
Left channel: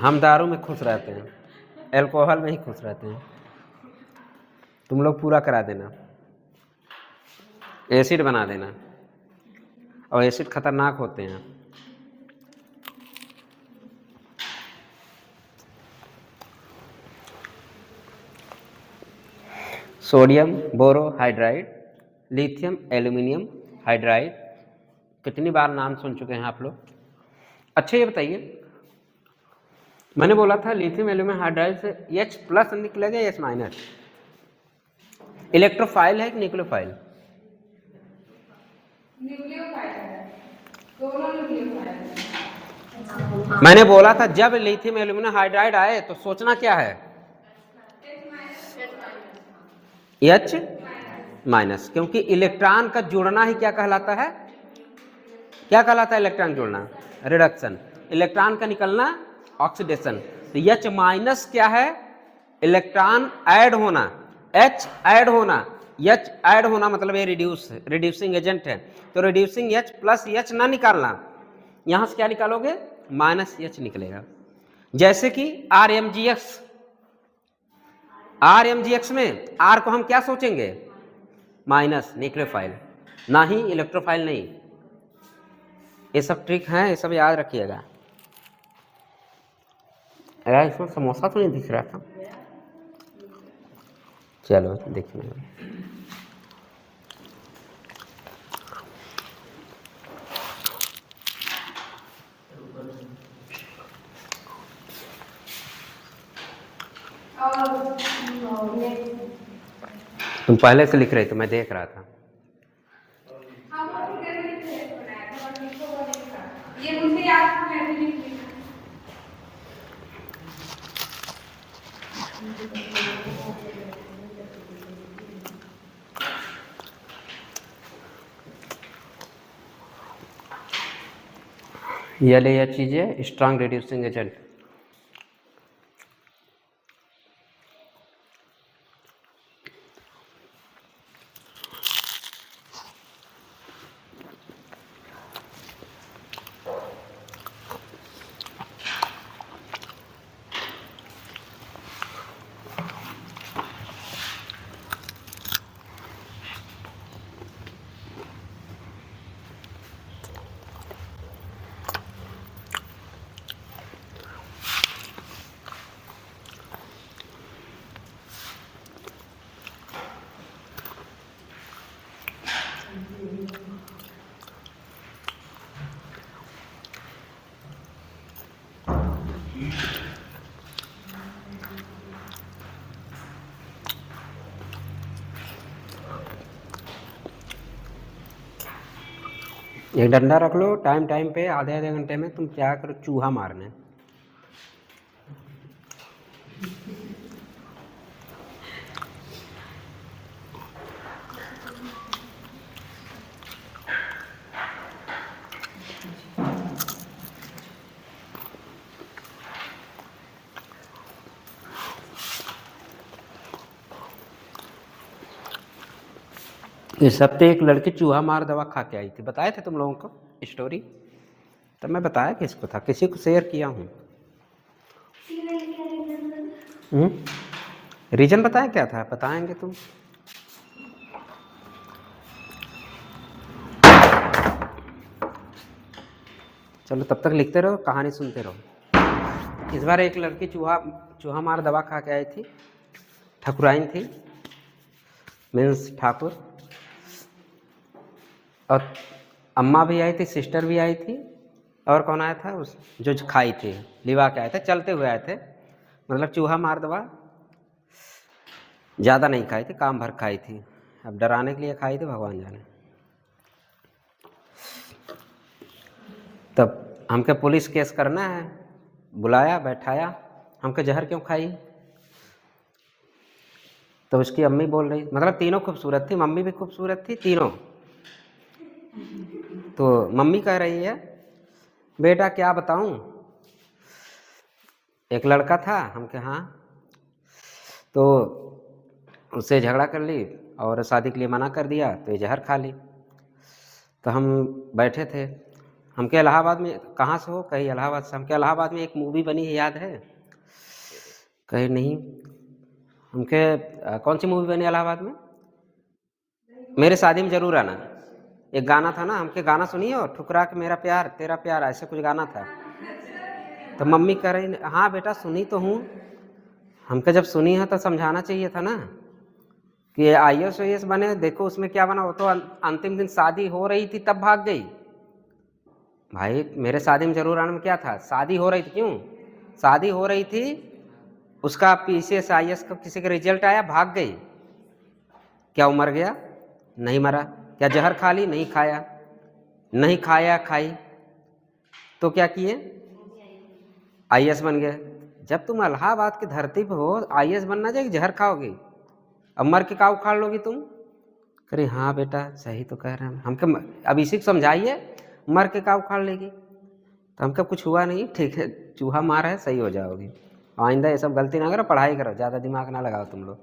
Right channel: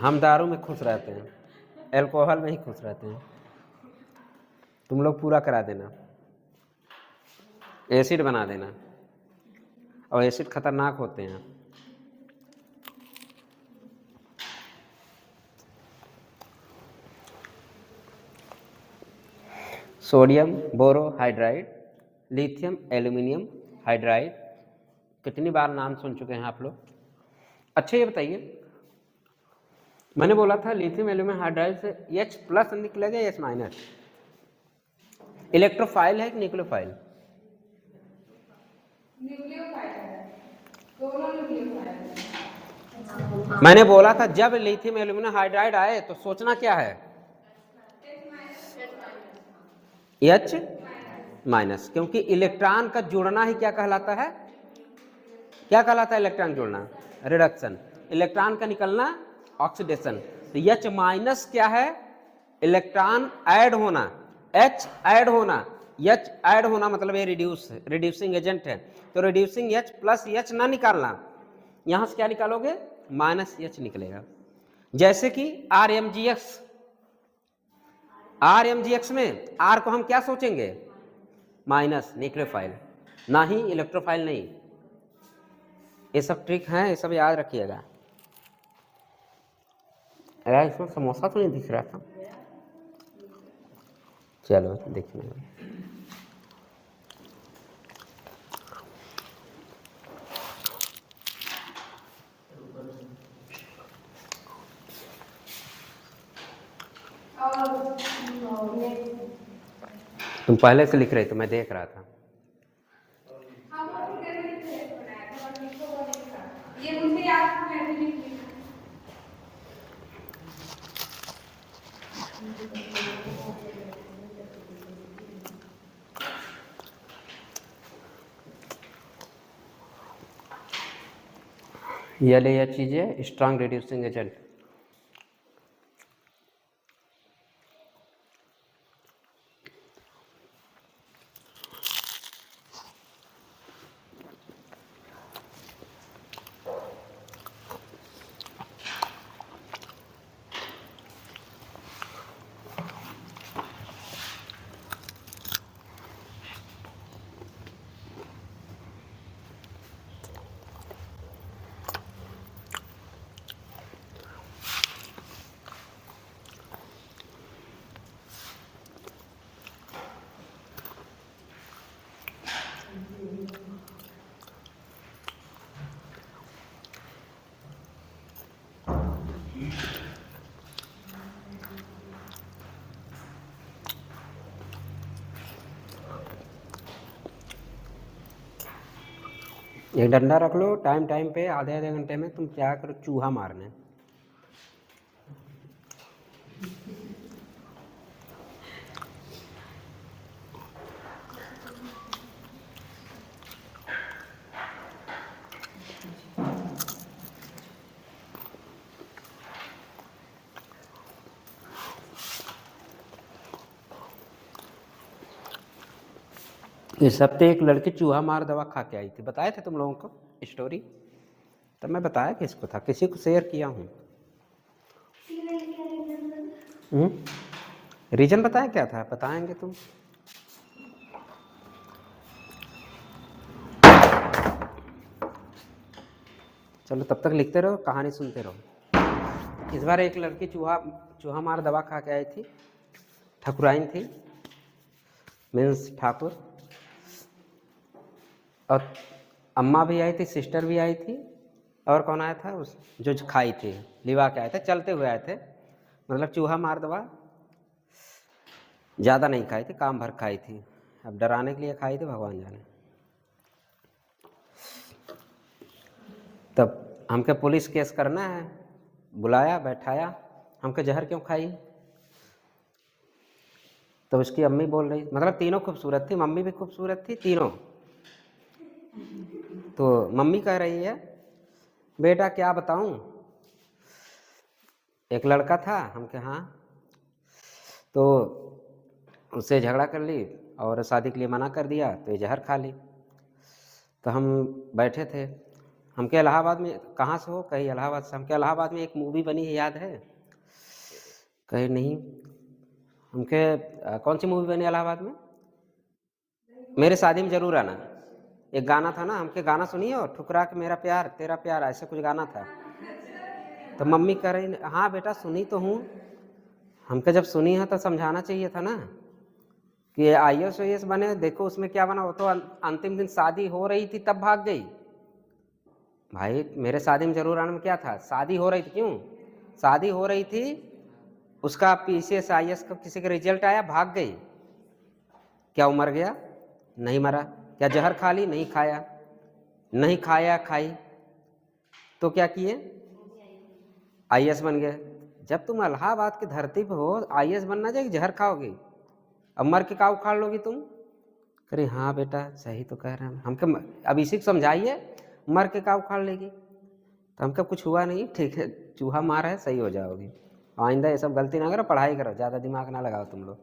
हम दारू में खुश रहते हैं, अल्कोहल में ही खुश रहते हैं। तुम लोग पूरा करा देना, एसिड बना देना, और एसिड खतरनाक होते हैं। Sodium borohydride, lithium aluminium hydride, कितनी बार नाम सुन चुके हैं आप लोग? अच्छा ये बताइए, मैंने बोला था लिथियम एल्यूमिनियम हाइड्राइड से H+ निकलेगा या H-? इलेक्ट्रोफाइल है कि न्यूक्लियोफाइल? मैंने बोला था जब लिथियम एल्यूमिनियम हाइड्राइड आए तो सोचना क्या है, H-, क्योंकि इलेक्ट्रॉन का जुड़ना ही क्या कहलाता है? क्या कहलाता है इलेक्ट्रॉन जुड़ना? रिडक्शन। इलेक्ट्रॉन का निकलना ऑक्सीडेशन। तो H- क्या है? इलेक्ट्रॉन ऐड होना, H ऐड होना, H ऐड होना मतलब ये रिड्यूसिंग एजेंट है। तो रिड्यूसिंग H प्लस H ना निकालना, यहां से क्या निकालोगे? -H निकलेगा। जैसे कि RMGX में R को हम क्या सोचेंगे? माइनस, न्यूक्लियोफाइल, ना ही इलेक्ट्रोफाइल नहीं। ये सब ट्रिक है, ये सब याद रखिएगा। अरे इसमें समोसा तो नहीं दिख रहा था, चलो देखने में। तुम पहले से लिख रहे थे, मैं देख रहा था। ये ले यह चीजें स्ट्रांग रिड्यूसिंग एजेंट। एक डंडा रख लो, टाइम टाइम पे आधे आधे घंटे में तुम क्या करो, चूहा मारने। इस हफ्ते एक लड़की चूहा मार दवा खा के आई थी, बताए थे तुम लोगों को स्टोरी? तब मैं बताया किसको था, किसी को शेयर किया हूँ। रीजन बताया क्या था? बताएंगे तुम? चलो तब तक लिखते रहो, कहानी सुनते रहो। इस बार एक लड़की चूहा मार दवा खा के आई थी, ठकुराइन थी, मीन्स ठाकुर, और अम्मा भी आई थी, सिस्टर भी आई थी, और कौन आया था उस जो खाई थी, लिवा के आए थे, चलते हुए आए थे। मतलब चूहा मार दवा ज़्यादा नहीं खाई थी, काम भर खाई थी। अब डराने के लिए खाई थी, भगवान जाने। तब हमके पुलिस केस करना है, बुलाया, बैठाया, हमके जहर क्यों खाई? तो उसकी अम्मी बोल रही, मतलब तीनों खूबसूरत थी, मम्मी भी खूबसूरत थी, तीनों। तो मम्मी कह रही है, बेटा क्या बताऊं, एक लड़का था, हम के हाँ, तो उससे झगड़ा कर ली और शादी के लिए मना कर दिया, तो ये जहर खा ली। तो हम बैठे थे, हम के इलाहाबाद में, कहाँ से हो? कहीं इलाहाबाद से। हम के इलाहाबाद में एक मूवी बनी है, याद है? कहीं नहीं। हम के कौन सी मूवी बनी इलाहाबाद में? मेरे शादी में जरूर आना। एक गाना था ना, हमके गाना सुनिए, और ठुकरा के मेरा प्यार तेरा प्यार, ऐसे कुछ गाना था। तो मम्मी कह रही, हाँ बेटा सुनी तो हूँ। हमके जब सुनी है तो समझाना चाहिए था ना कि IAS बने, देखो उसमें क्या बना। वो तो अंतिम दिन शादी हो रही थी तब भाग गई। भाई मेरे शादी में जरूर आने में क्या था? शादी हो रही थी, क्यों शादी हो रही थी? उसका PCS IAS का किसी का रिजल्ट आया, भाग गई। क्या वो मर गया? नहीं मरा। क्या जहर खा ली? नहीं खाया। नहीं खाया खाई, तो क्या किए? IAS बन गए। जब तुम इलाहाबाद की धरती पे हो, IAS बनना चाहिए, जहर खाओगे? अब मर के का उखाड़ लोगी तुम? अरे हाँ बेटा सही तो कह रहे हैं हमके। अब इसी को समझाइए, मर के का उखाड़ लेगी? तो हमका कुछ हुआ नहीं, ठीक है, चूहा मार है, सही हो जाओगी। आइंदा ये सब गलती ना करो, पढ़ाई करो, ज़्यादा दिमाग ना लगाओ तुम लोग।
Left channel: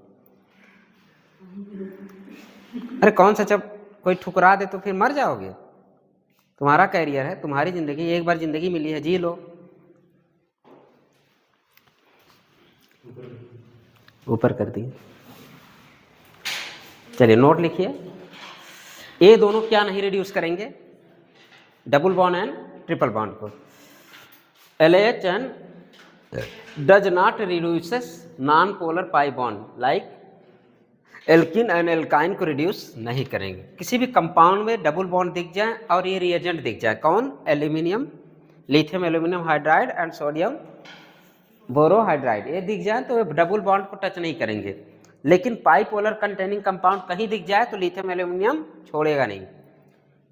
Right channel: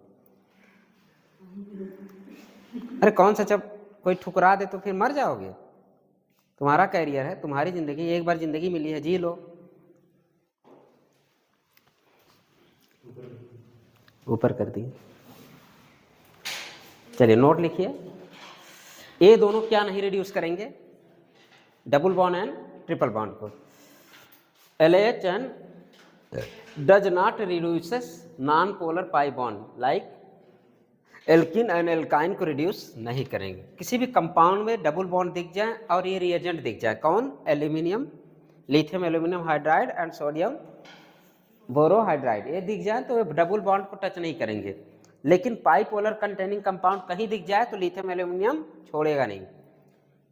अरे कौन सा, जब कोई ठुकरा दे तो फिर मर जाओगे? तुम्हारा कैरियर है, तुम्हारी ज़िंदगी, एक बार ज़िंदगी मिली है, जी लो। ऊपर कर दिए। चलिए नोट लिखिए। ये दोनों क्या नहीं रिड्यूस करेंगे? Double bond and triple bond को। LHN does not reduces non-polar pi bond like alkene and alkyne को रिड्यूस नहीं करेंगे। किसी भी कंपाउंड में डबल बॉन्ड दिख जाए और ये रिएजेंट दिख जाए, कौन? Aluminium, lithium aluminium hydride and sodium borohydride, ये दिख जाए तो डबल बॉन्ड को टच नहीं करेंगे। लेकिन पाइपोलर कंटेनिंग कंपाउंड कहीं दिख जाए तो लिथियम एल्यूमिनियम छोड़ेगा नहीं,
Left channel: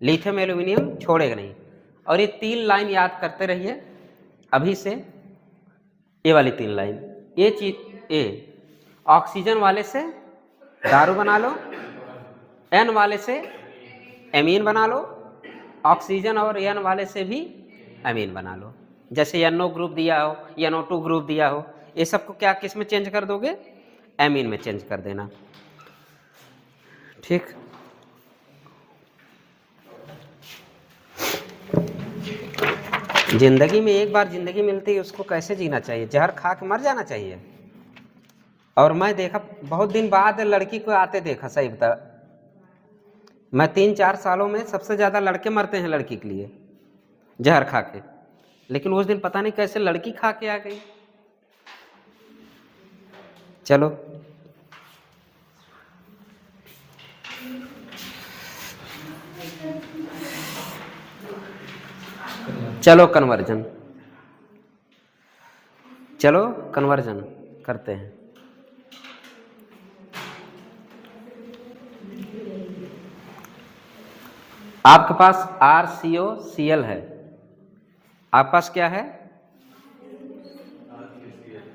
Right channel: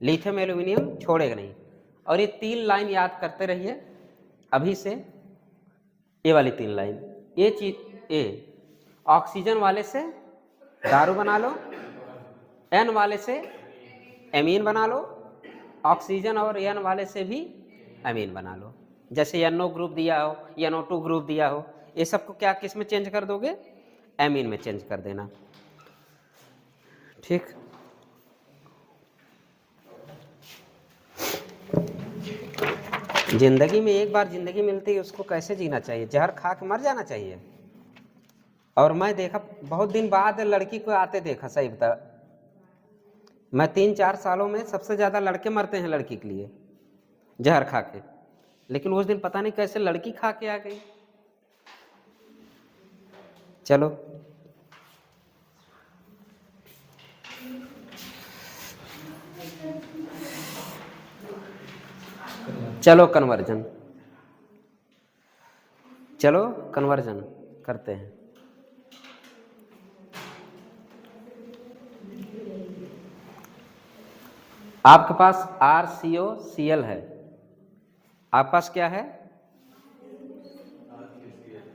लिथियम एल्यूमिनियम छोड़ेगा नहीं। और ये 3 लाइन याद करते रहिए अभी से, ये वाली 3 लाइन। ये चीज, ए ऑक्सीजन वाले से दारू बना लो, N वाले से एमीन बना लो, ऑक्सीजन और N वाले से भी एमीन बना लो। जैसे NO ग्रुप दिया हो, NO2 ग्रुप दिया हो, ये सबको क्या किस में चेंज कर दोगे? एमीन में चेंज कर देना, ठीक। जिंदगी में एक बार जिंदगी मिलती है, उसको कैसे जीना चाहिए? जहर खा के मर जाना चाहिए। और मैं देखा बहुत दिन बाद लड़की को आते देखा, सही बता, मैं 3-4 सालों में सबसे ज़्यादा लड़के मरते हैं लड़की के लिए जहर खा के। लेकिन उस दिन पता नहीं कैसे लड़की खा के आ गई। चलो चलो कन्वर्जन, चलो कन्वर्जन करते हैं। आपके पास RCOCl है, आपके पास क्या है?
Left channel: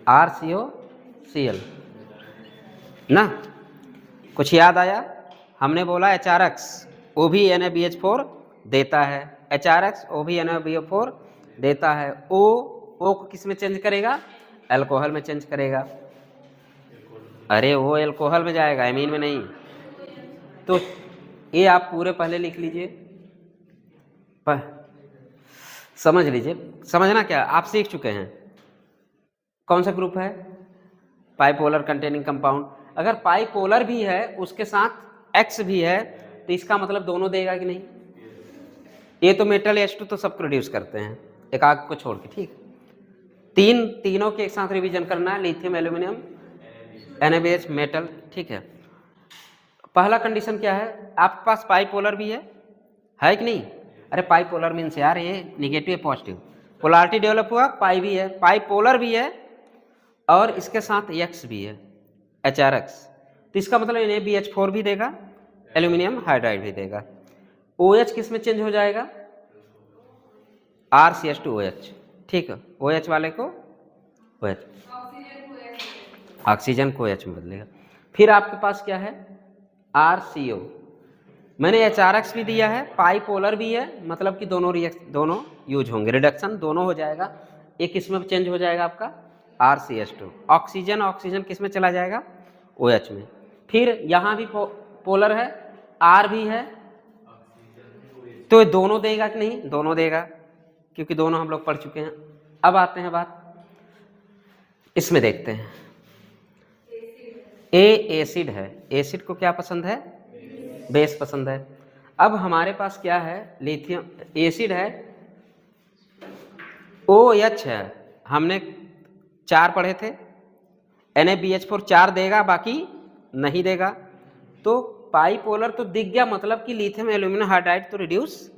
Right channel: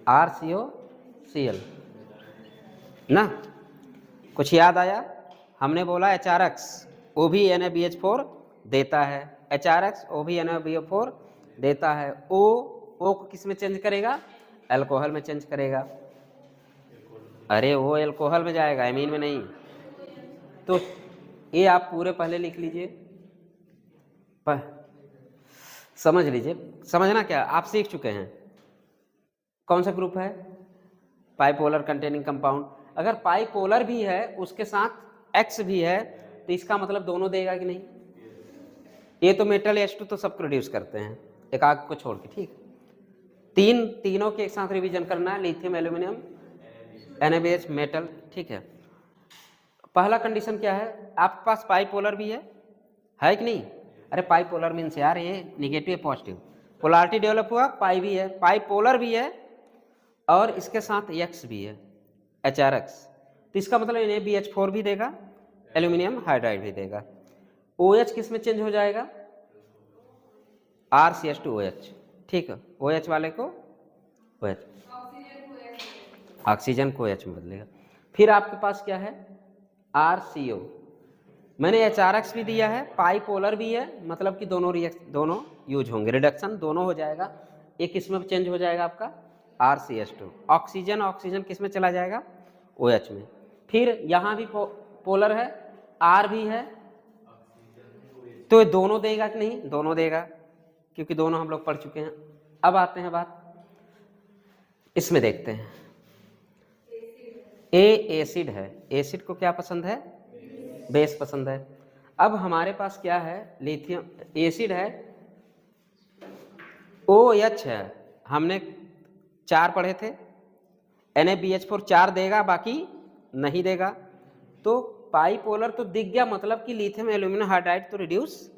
RCOCl ना। कुछ याद आया? हमने बोला HRX वो भी NaBH4 देता है, HRX वो भी NaBH4 देता है। O को किस में चेंज करेगा? अल्कोहल में चेंज करेगा। अरे वो अल्कोहल में जाएगा, एमीन में नहीं। तो ये आप पूरे पहले लिख लीजिए, समझ लीजिए। समझना क्या, आप सीख चुके हैं कौन सा ग्रुप है? पाइपोलर कंटेनिंग कंपाउंड। अगर पाइपोलर भी है उसके साथ X भी है तो इसका मतलब दोनों देगा कि नहीं? ये तो मेटल H2 तो सब प्रोड्यूस करते हैं, एक आग को छोड़ के, ठीक। तीनों के एक साथ रिवीजन करना है, लिथियम एल्यूमिनियम NaBH मेटल, ठीक है। पहला कंडीशन क्या है? आपके पास पाइपोलर भी है कि नहीं? अरे पाइपोलर मीन्स यार ये निगेटिव पॉजिटिव पोलैरिटी डेवलप हुआ, पाई भी है, पाइपोलर भी है और इसके साथ X भी है, HRX। तो इसका मतलब NaBH4 भी देगा, एल्यूमिनियम हाइड्राइड भी देगा। OH किस में चेंज हो जाएगा? RCH2OH, ठीक है। OH वाले को OH, ऑक्सीजन को OH में बदलेगा। फिर आपके पास क्या है? RCO। मैंने HRX भी दिया है, पाइपोलर भी है, मतलब कि दोनों यूज होंगे, रिडक्शन दोनों हो जाएगा। एक इसमें चेंज हो जाएगा आपका RCH2। ऑक्सीजन ऑक्सीजन किस में चला जाएगा? OH में। फिर यहाँ भी पोलर है, R भी है, तो ये दोनों देगा कि नहीं? दोनों देगा, क्योंकि दोनों हम लोग पढ़ चुके हैं। अब आते हैं बात इसमें, देखते हैं। ए एसिड है, एसिड को क्या पसंद है? बेस पसंद है। अब हमारे पास क्या है? लिथियम एसिड है, OH है, हमने 4 पढ़े थे, NaBH4 4 देगा, बाकी नहीं देगा। तो पाइपोलर तो दिख गया, मतलब कि लिथियम एल्यूमिनियम हाइड्राइड तो रिड्यूस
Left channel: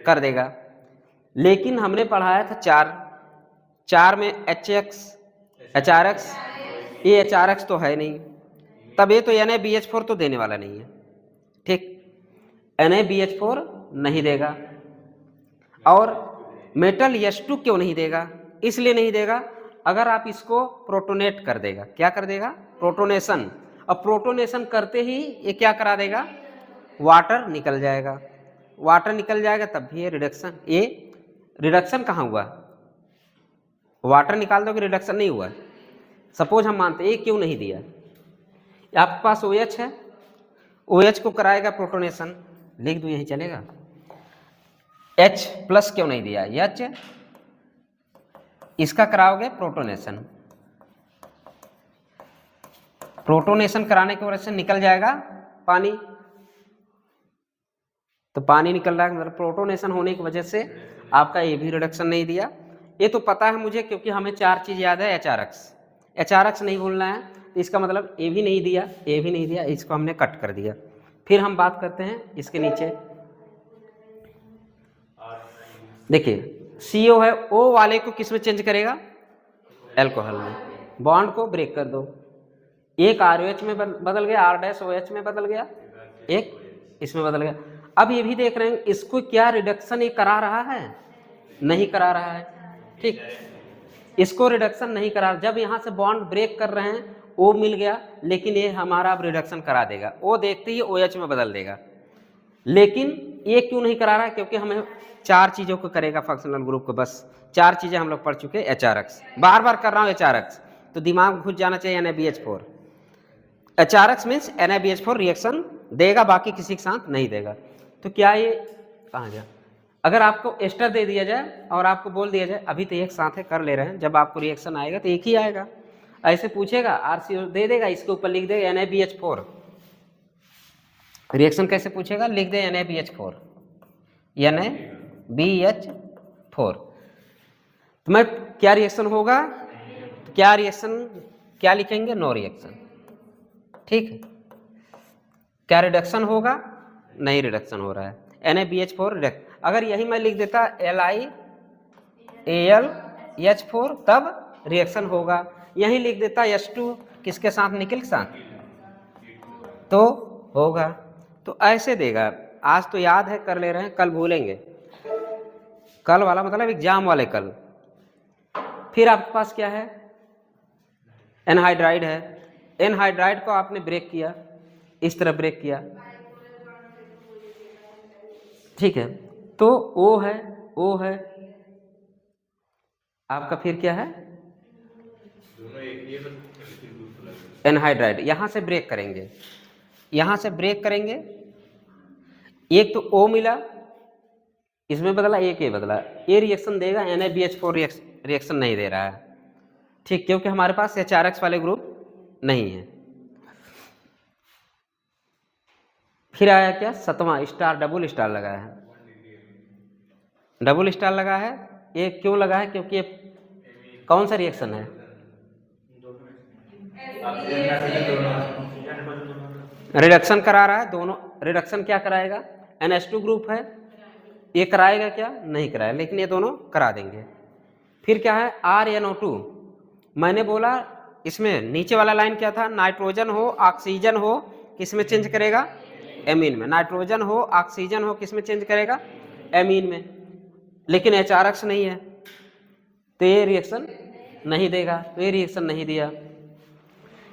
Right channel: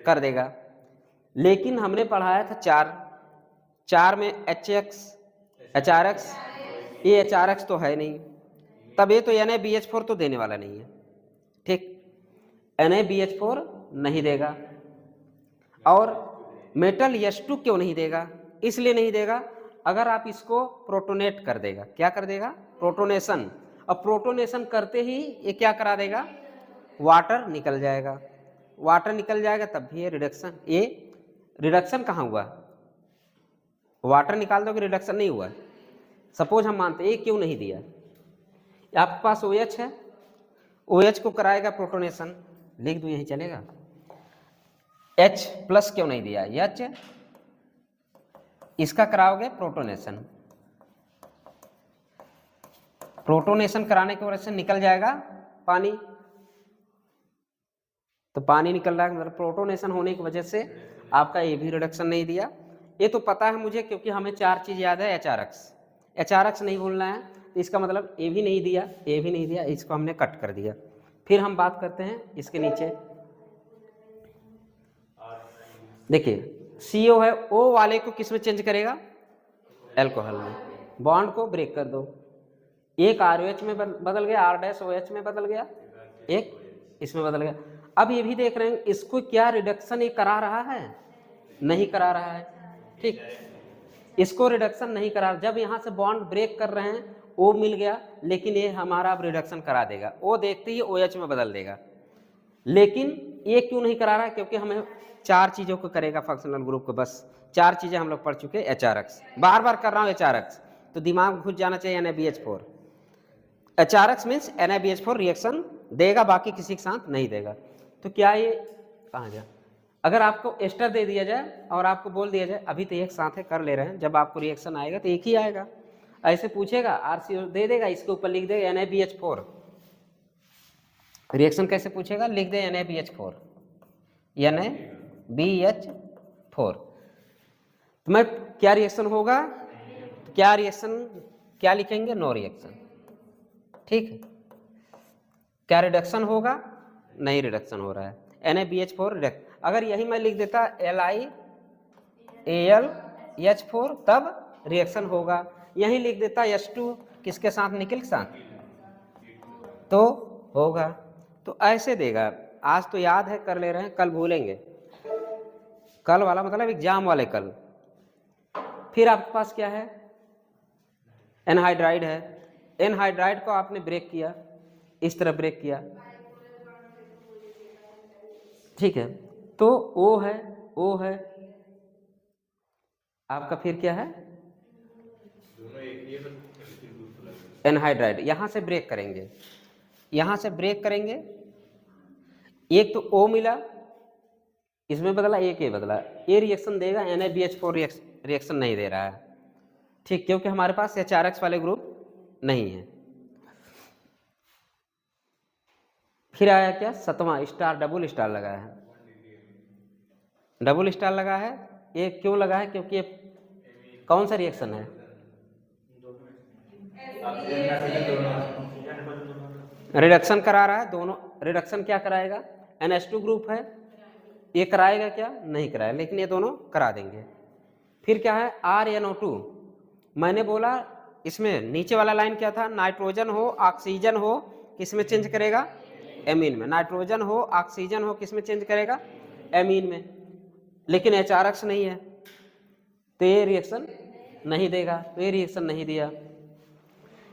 कर देगा। लेकिन हमने पढ़ाया था 4 में HRX, ये HRX तो है नहीं, तब ये तो NaBH4 तो देने वाला नहीं है, ठीक, NaBH4 नहीं देगा। और मेटल H2 क्यों नहीं देगा? इसलिए नहीं देगा, अगर आप इसको प्रोटोनेट कर देगा। क्या कर देगा? प्रोटोनेशन। अब प्रोटोनेशन करते ही ये क्या करा देगा? वाटर निकल जाएगा। वाटर निकल जाएगा तब भी ये रिडक्शन, ये रिडक्शन कहाँ हुआ? वाटर निकाल दोगे, रिडक्शन नहीं हुआ। सपोज हम मानते हैं ये क्यों नहीं दिया, आपके पास OH है, OH को कराएगा प्रोटोनेशन, लिख दो यही चलेगा। H+ क्यों नहीं दिया? H इसका कराओगे प्रोटोनेशन, प्रोटोनेशन कराने की वजह से निकल जाएगा पानी, तो पानी निकल रहा है, मतलब प्रोटोनेशन होने की वजह से आपका ये भी रिडक्शन नहीं दिया। ये तो पता है मुझे, क्योंकि हमें 4 चीज़ याद है। HRX नहीं भूलना है, तो इसका मतलब ये भी नहीं दिया, ये भी नहीं दिया, इसको हमने कट कर दिया। फिर हम बात करते हैं इसके नीचे, देखिए CO है, O वाले को किस में चेंज करेगा? एल्कोहल में। बॉन्ड को ब्रेक कर दो, एक ROH में बदल गया, R-OH में बदल गया, एक इसमें बदल गया। अब ये भी देख रहे हैं इसको क्या रिडक्शन ये करा रहा है? नहीं करा रहा है, ठीक, इसको रिडक्शन नहीं करा। जब यहाँ से बॉन्ड ब्रेक कर रहे हैं, O मिल गया, लेकिन ये हमारा अब रिडक्शन करा देगा, O देखते ही OH में बदल देगा। लेकिन ये क्यों नहीं करा रहा है? क्योंकि हमें 4 चीज़ों को करेगा फंक्शनल ग्रुप को, बस 4 चीज़ें हम लोग पढ़ चुके हैं। HRX बार बार कर रहा हूँ, HRX तो दिमाग घुस जाना चाहिए। NaBH4, HRX means NaBH4 reaction देगा, बाकी किसी के साथ नहीं देगा। तो क्या ये कहाँ गया? अगर आपको एस्टर दे दिया जाए और आपको बोल दिया जाए अभी तो एक साथ है कर ले रहे हैं, जब आपको रिएक्शन आएगा तो एक ही आएगा। ऐसे पूछेगा, RCO दे देगा, इसके ऊपर लिख देगा NaBH4, रिएक्शन कैसे पूछेगा? लिख दे NaBH4, NaBH4, तो मैं क्या रिएक्शन होगा? क्या रिएक्शन, क्या लिखेंगे? नो रिएक्शन, ठीक है। क्या रिडक्शन होगा? नहीं रिडक्शन हो रहा है, NaBH4 रिडक्शन। अगर यही मैं लिख देता LiAlH4 तब रिएक्शन होगा, यही लिख देता H2 किसके साथ? निकल के साथ, तो होगा। तो ऐसे देगा। आज तो याद है, कर ले रहे हैं, कल भूलेंगे। कल वाला मतलब एग्जाम वाले कल। फिर आपके पास क्या है? एनहाइड्राइड है, एनहाइड्राइड को आपने ब्रेक किया, इस तरह ब्रेक किया, ठीक है। तो O है, O है आपका, फिर क्या है? एनहाइड्राइड। यहां से ब्रेक करेंगे, यहां से ब्रेक करेंगे, एक तो O मिला, इसमें बदला, एक ये बदला, ये रिएक्शन देगा। NaBH4 रिएक्शन नहीं दे रहा है, ठीक, क्योंकि हमारे पास HRX वाले ग्रुप नहीं है। फिर आया क्या? 7वां स्टार, डबल स्टार लगा है, डबल स्टार लगा है। ये क्यों लगा है? क्योंकि ये कौन सा रिएक्शन है? रिडक्शन करा रहा है, दोनों रिडक्शन क्या कराएगा? NH2 ग्रुप है, ये कराएगा क्या? नहीं कराएगा, लेकिन ये दोनों करा देंगे। फिर क्या है? RnO2। मैंने बोला इसमें नीचे वाला लाइन क्या था? नाइट्रोजन हो ऑक्सीजन हो किस में चेंज करेगा? एमीन में। नाइट्रोजन हो ऑक्सीजन हो किस में चेंज करेगा? एमीन में। लेकिन HRX नहीं है, तो ये रिएक्शन नहीं देगा, तो ये रिएक्शन नहीं दिया।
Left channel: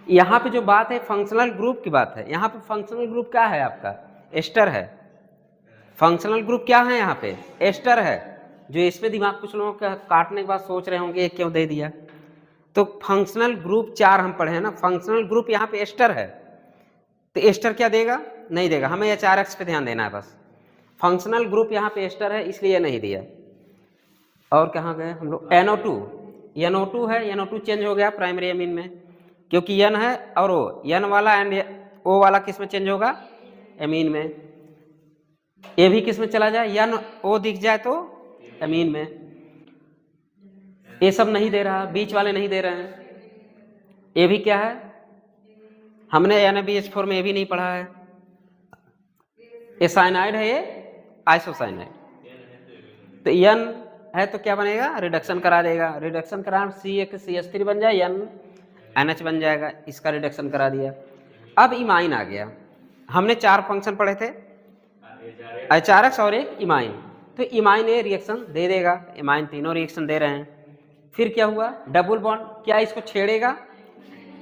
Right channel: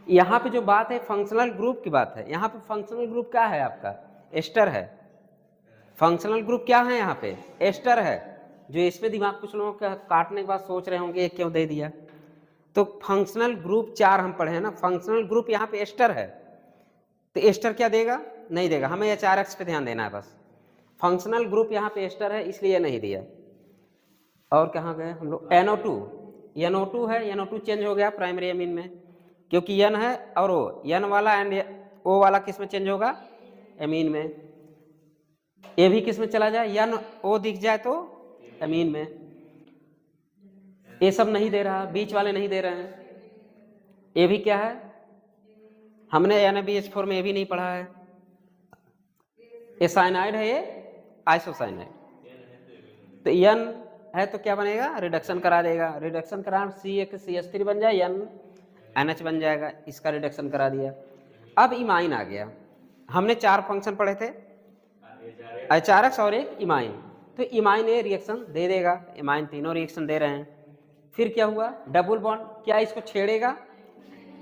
यहाँ पे जो बात है फंक्शनल ग्रुप की बात है। यहाँ पे फंक्शनल ग्रुप क्या है आपका? एस्टर है। फंक्शनल ग्रुप क्या है यहाँ पे? एस्टर है। जो इसमें दिमाग कुछ लोगों का काटने के बाद सोच रहे होंगे ये क्यों दे दिया, तो फंक्शनल ग्रुप 4 हम पढ़े हैं ना, फंक्शनल ग्रुप यहाँ पे एस्टर है, तो एस्टर क्या देगा, नहीं देगा, हमें HRX पे ध्यान देना है बस। फंक्शनल ग्रुप यहाँ पे एस्टर है इसलिए नहीं दिया। और कहाँ गए हम लोग, NO2, NO2 है, NO2 चेंज हो गया प्राइमरी एमीन में, क्योंकि N है और O, N वाला एंड O वाला किस में चेंज होगा, एमीन में। ये भी किस में चला जाए, NO दिख जाए तो एमीन में। ये सब नहीं दे रहा, बीच वाले नहीं दे रहे हैं। ये भी क्या है, हमने NaBH4 में ये भी नहीं पढ़ा है, ये साइनाइड है, ये आइसोसाइनाइड। तो N है तो क्या बनेगा, रिडक्शन करा देगा, रिडक्शन करा CH3 बन जाए, NH बन जाएगा, इसका रिडक्शन करा दिया। अब इमाइन आ गया, हमने 4 फंक्शन पढ़े थे, HRX और एक इमाइन, तो इमाइन ये रिएक्शन दे देगा, इमाइन तीनों रिएक्शन दे रहे हैं। फिर क्या हुआ, डबल बॉन्ड, क्या इसको छेड़ेगा,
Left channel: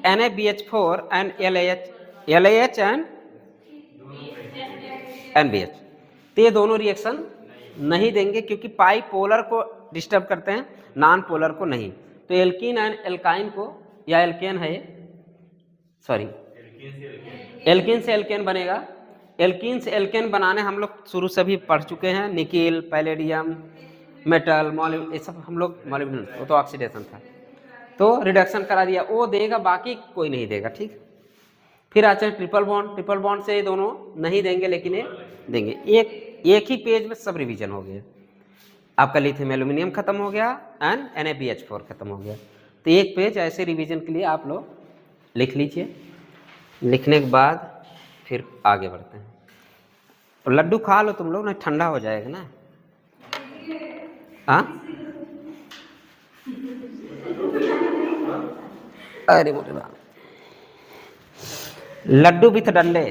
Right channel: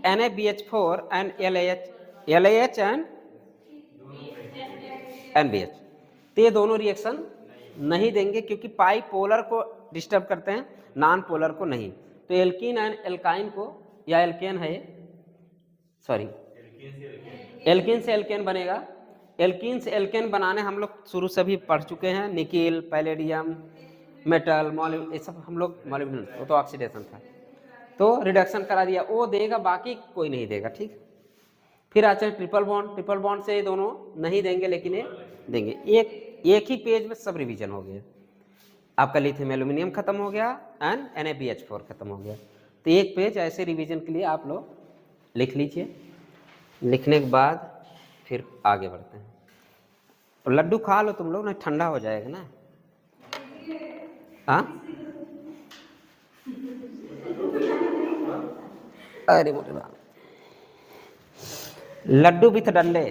NaBH4 and LAH and NBH, तो ये दोनों रिएक्शन नहीं देंगे क्योंकि पाई पोलर को डिस्टर्ब करते हैं, नॉन पोलर को नहीं। तो एल्कीन एंड एल्काइन को, या एल्केन है, सॉरी एल्कीन से एल्केन बनेगा। एल्कीन से एल्केन बनाने हम लोग शुरू से भी पढ़ चुके हैं, निकिल, पैलेडियम, मेटल, मॉलिब्डेनम, ये सब हम लोग, मॉलिब्डेनम वो तो ऑक्सीडेशन था, तो रिडक्शन करा दिया, वो देगा, बाकी कोई नहीं देगा, ठीक। फिर आते हैं ट्रिपल बॉन्ड, ट्रिपल बॉन्ड से ये दोनों नहीं देंगे लेकिन ये देंगे। एक ही पेज में सब रिवीजन हो गया, आपका लिथियम एल्यूमिनियम खत्म हो गया एंड NaBH4 खत्म हो गया। तो एक पेज ऐसे रिवीजन के लिए आप लोग लिख लीजिए, लिखने के बाद फिर आगे बढ़ते हैं। तो लड्डू खा लो तुम लोग, ना ठंडा हो जाएगा ना। हाँ, अरे बोले बाप, लड्डू विथ डंडे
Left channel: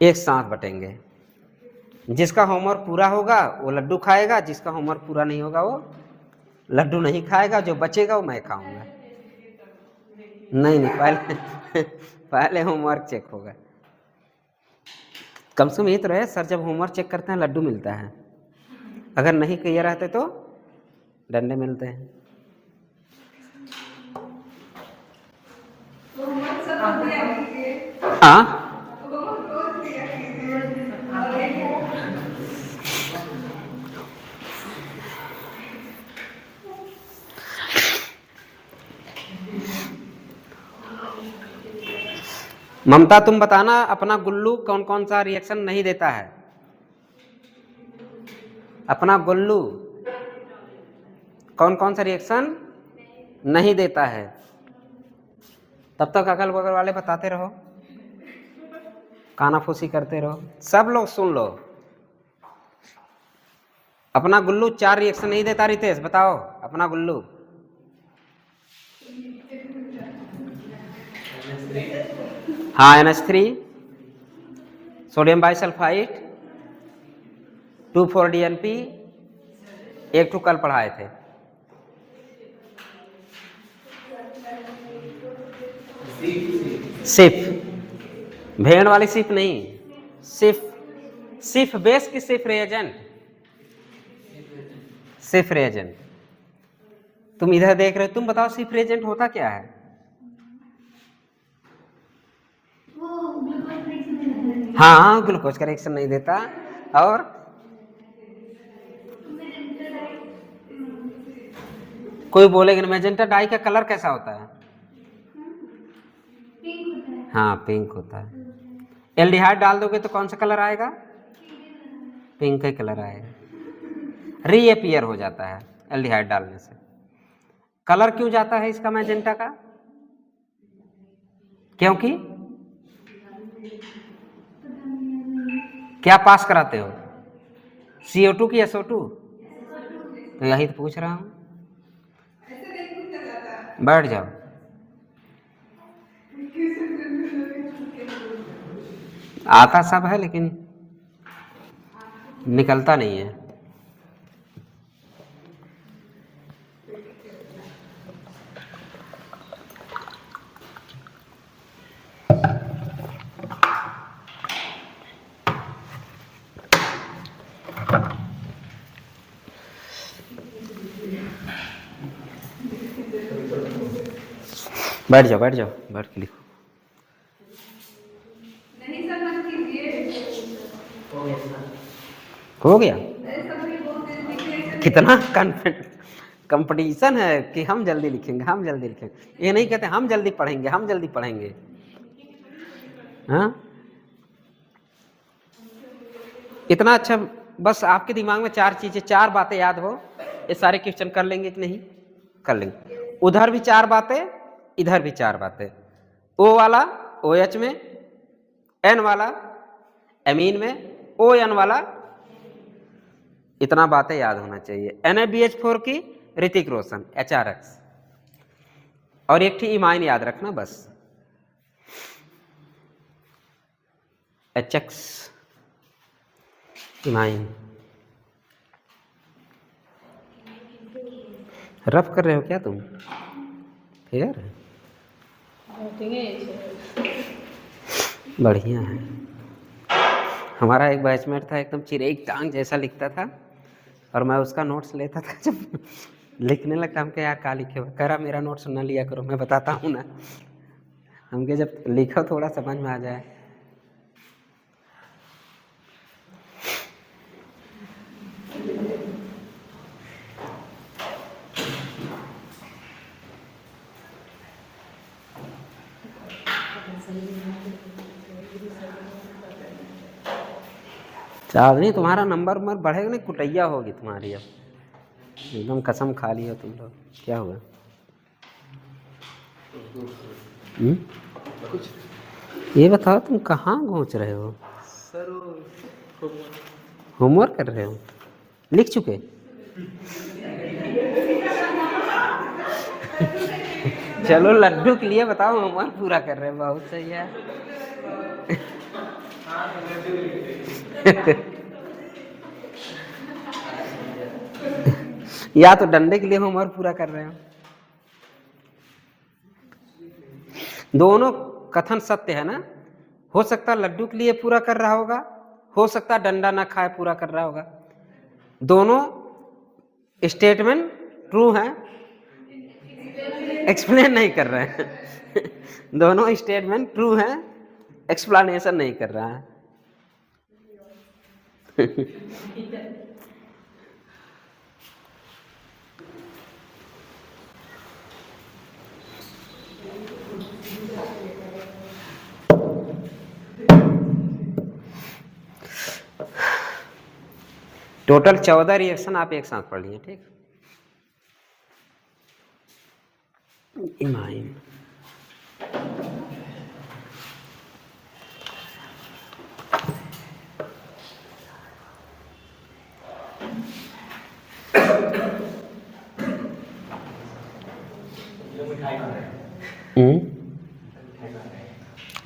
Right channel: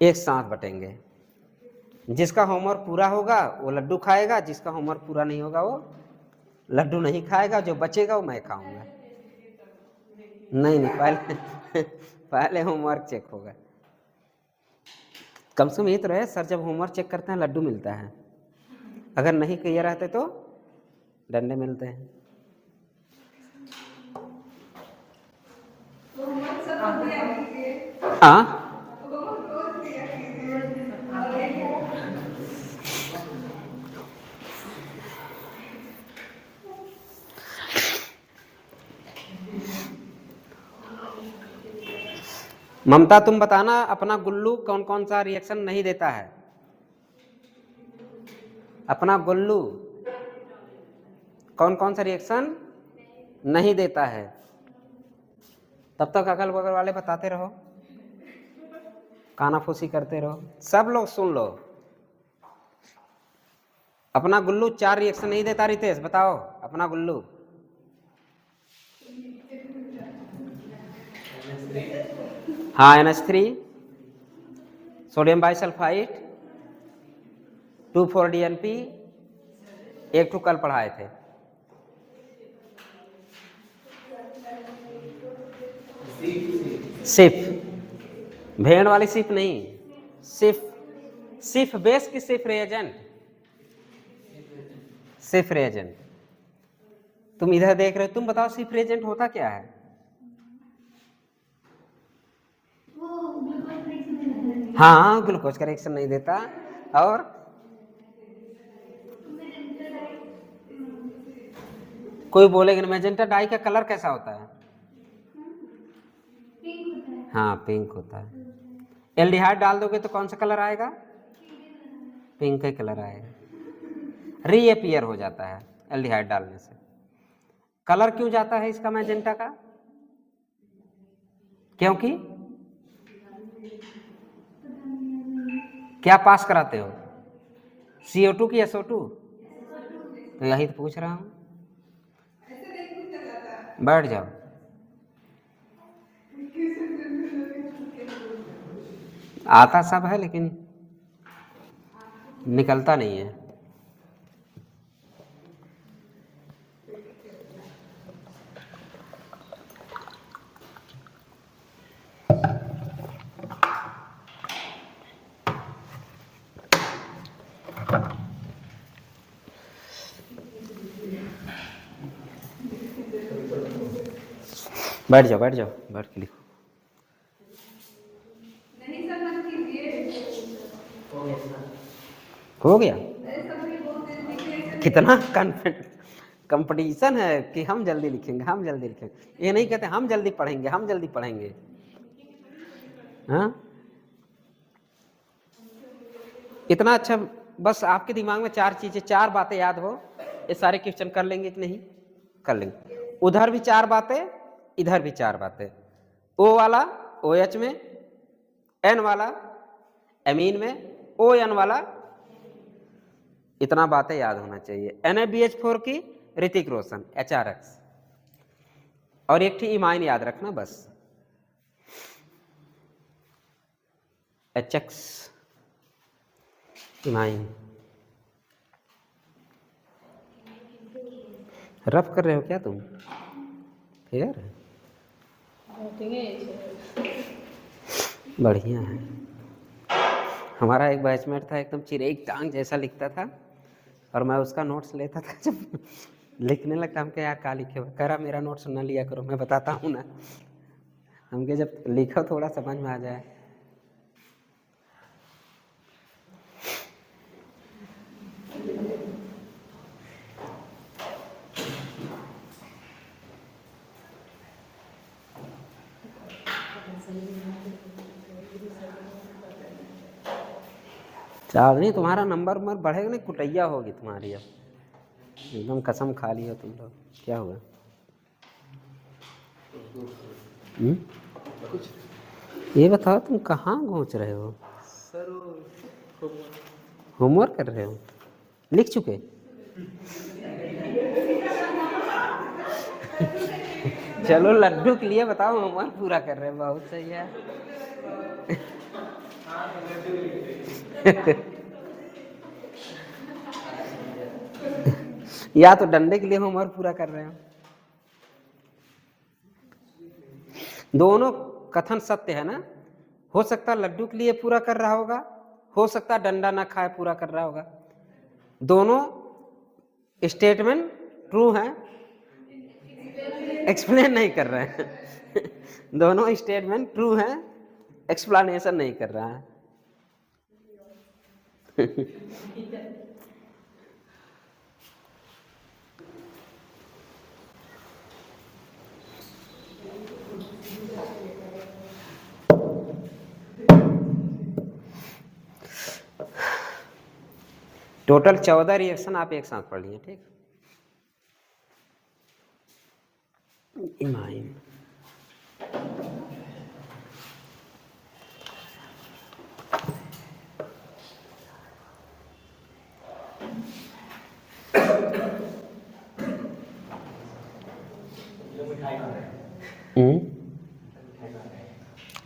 एक साथ बटेंगे, जिसका होमवर्क पूरा होगा वो लड्डू खाएगा, जिसका होमवर्क पूरा नहीं होगा वो लड्डू नहीं खाएगा, जो बचेगा वो मैं खाऊंगा। नहीं पहले पहले होमवर्क चेक होगा, कम से कम ये तो रहे, सर जब होमवर्क चेक करते हैं लड्डू मिलता है, अगर नहीं क्लियर रहते तो डंडे मिलते हैं। हाँ, ममता तुम बताना अपना गुल्लू कौन कौन सा रिएक्शन नहीं देता है, अपना गुल्लू कौन कौन सा रिएक्शन नहीं देता है। तब तक अगल बगल वाले बताते रहो, कानाफूसी करते रहो, सब लोग सुन लो। अपना गुल्लू 4 रिएक्शन नहीं देता, रितेश बताओ अपना गुल्लू। हाँ, NH3, सोडियम बाइसल्फाइड, 2,4-DNP, एक तो कल पढ़ाए थे। सिफ, भेड़ वाली सिफ नहीं, सिफ बेस की सिफ रिएजेंट, सिफ रिएजेंट। तुम इधर देख रहे हो, तुम बताओ सिफ रिएजेंट होता क्या है। हाँ, ग्लूकोज का रिएक्शन नहीं देता। और कोई बोलेगा मैजेंटा डाई का कलर कैसा होता है, हाँ पिंक होता है। एल्डिहाइड डाल दोगे तो कौन सा कलर आएगा, पिंक का कलर आएगा, रीअपियर हो जाता है एल्डिहाइड डालने से। कलर क्यों जाता है इसका मैजेंटा का, क्योंकि क्या पास कराते हो, CO2 की SO2, तो यही तो पूछ रहा हूं, बैठ जाओ। आता सब है लेकिन निकलता नहीं है। बैठ जाओ बैठ जाओ, बैठ के लिखो। हो गया? कितना कॉन्फिडेंट कंपटीशन है कि हम जल्दी लिखेंगे, हम जल्दी लिखेंगे। ये नहीं कहते हम जल्दी पढ़ेंगे, हम जल्दी पढ़ेंगे। हाँ, इतना अच्छा। बस आपके दिमाग में 4 चीजें, 4 बातें याद हो, ये सारे क्वेश्चन कर लेंगे कि नहीं? कर लेंगे। उधर भी 4 बातें, इधर भी 4 बातें। ओ वाला OH में, N वाला एमीन में, ON वाला, इतना बातें याद होना चाहिए। NaBH4 की ऋतिक रोशन HRX, और एक थी इमाइन याद रखना बस, HX इमाइन। रफ कर रहे हो क्या तुम? यार बढ़िया है। हमारा एक बैचमेट था, एकदम चिरेक टांग जैसा लिखता था, और मैं उसका नोट्स लेता था। जब लिखने लगता, हम क्या क्या लिखे हो, कह रहा मेरा नोट्स ना लिया करो, मैं बताता हूँ ना। हमके जब लिखो थोड़ा समझ में आ जाए। चांदनी तुम्हारा नंबर बढ़ेगा नहीं, कुटैया होगी तुम्हारी अब। एकदम कसम खा लिया तुम लोग। क्या हुआ? ये बताओ तुम कहाँ घोंच रहे हो? होमवर्क कर रहे हो? लिख चुके? चलो लड्डू के लिए बताओ, होमवर्क पूरा कर रहे हो, बहुत सही है। या तो डंडे के लिए होमवर्क पूरा कर रहे हो। दोनों कथन सत्य है ना। हो सकता लड्डू के लिए पूरा कर रहा होगा, हो सकता डंडा ना खाए पूरा कर रहा होगा। दोनों स्टेटमेंट ट्रू है, एक्सप्लेन नहीं कर रहे हैं। दोनों स्टेटमेंट ट्रू है, एक्सप्लेनेशन नहीं कर रहा है। टोटल 14 रिएक्शन आप एक साथ पढ़ लिए, ठीक? इमाइन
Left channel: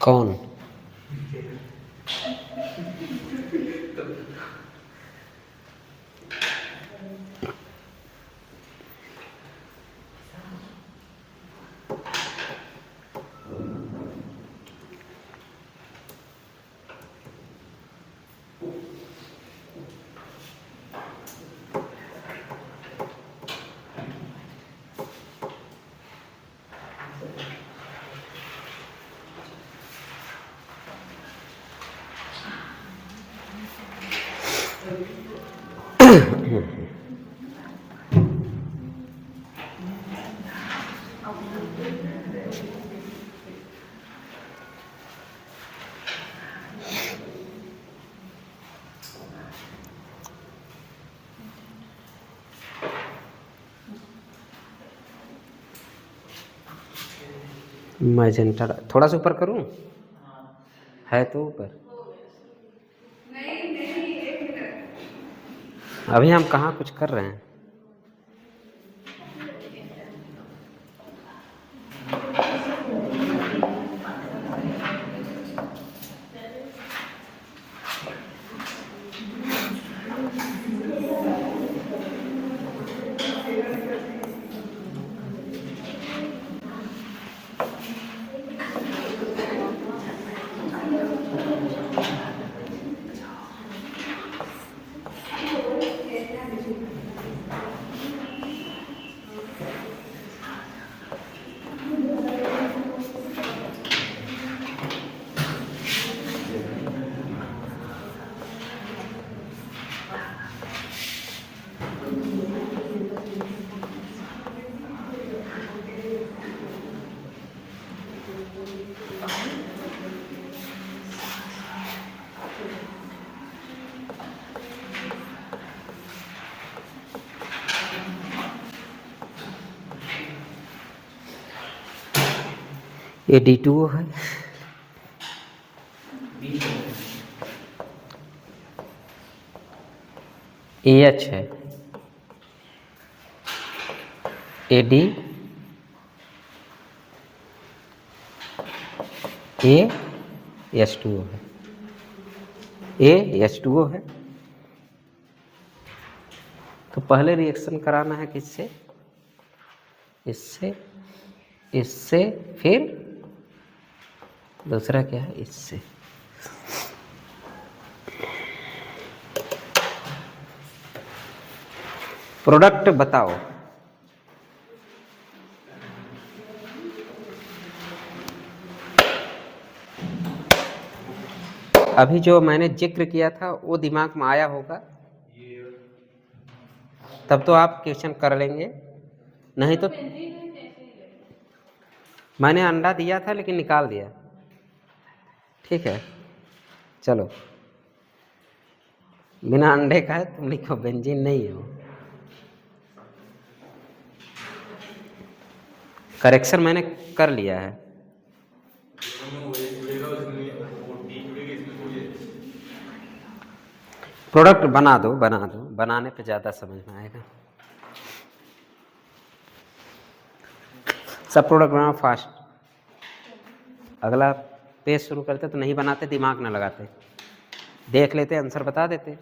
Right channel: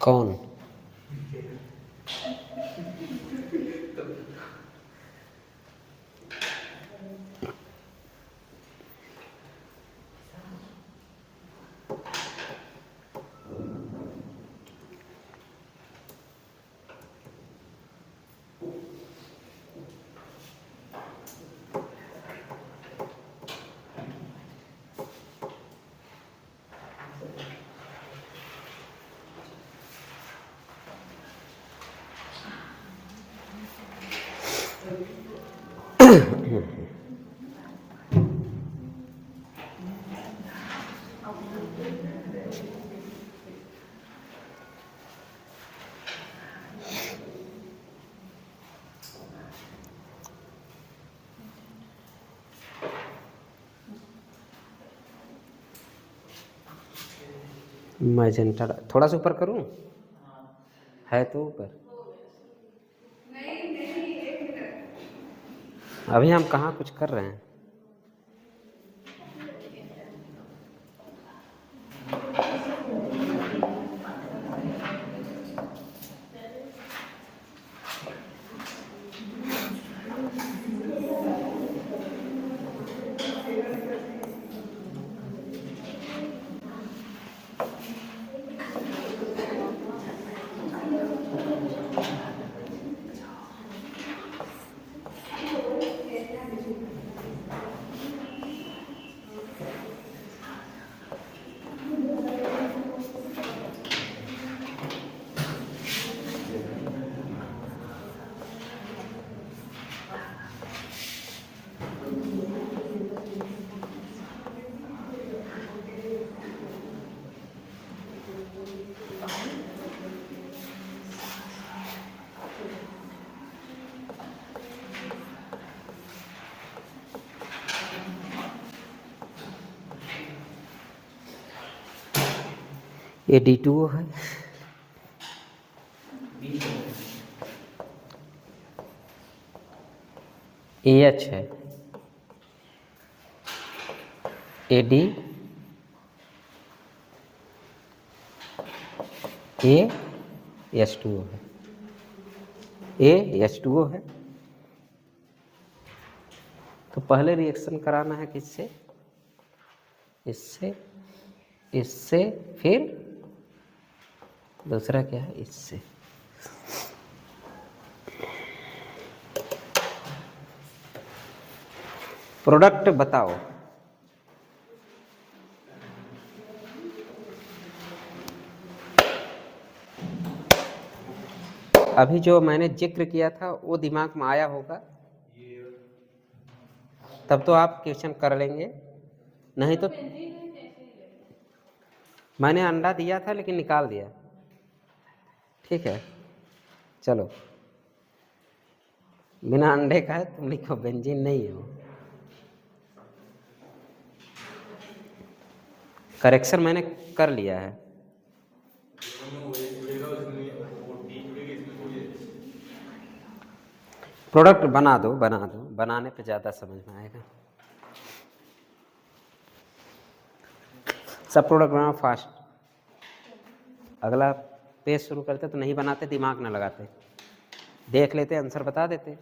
कौन? मैजेंटा थोड़ा सा ऊपर करूं? है तो ऊपर। अभी हम कहाँ कुछ कर रहे हैं। ये D2O है, AH है, AD H2O है, H2O है। तो पहले रिएक्शन कराना है किससे? इससे, इससे, फिर दूसरा क्या है? इससे। प्रोडक्ट बताओ। अभी जो मैंने जिक्र किया था वो दिमाग में आया होगा, तब तो आप क्वेश्चन कर लेंगे, नहीं तो मैंने अंडा दिया था लेकिन निकाल दिया। ठीक है, चलो, बिना अंडे का है, तुम लिखो बेंजीन नहीं है वो। करेक्शन मैंने कर लिया है। प्रोडक्ट बना दो, बनाने पे ज़्यादा समझ में आएगा। सब प्रोडक्ट बनाओ फास्ट। अगला पेज शुरू करते तो नहीं बनाते, दिमाग ना लगाते, देख लेते, आंसर बता देते।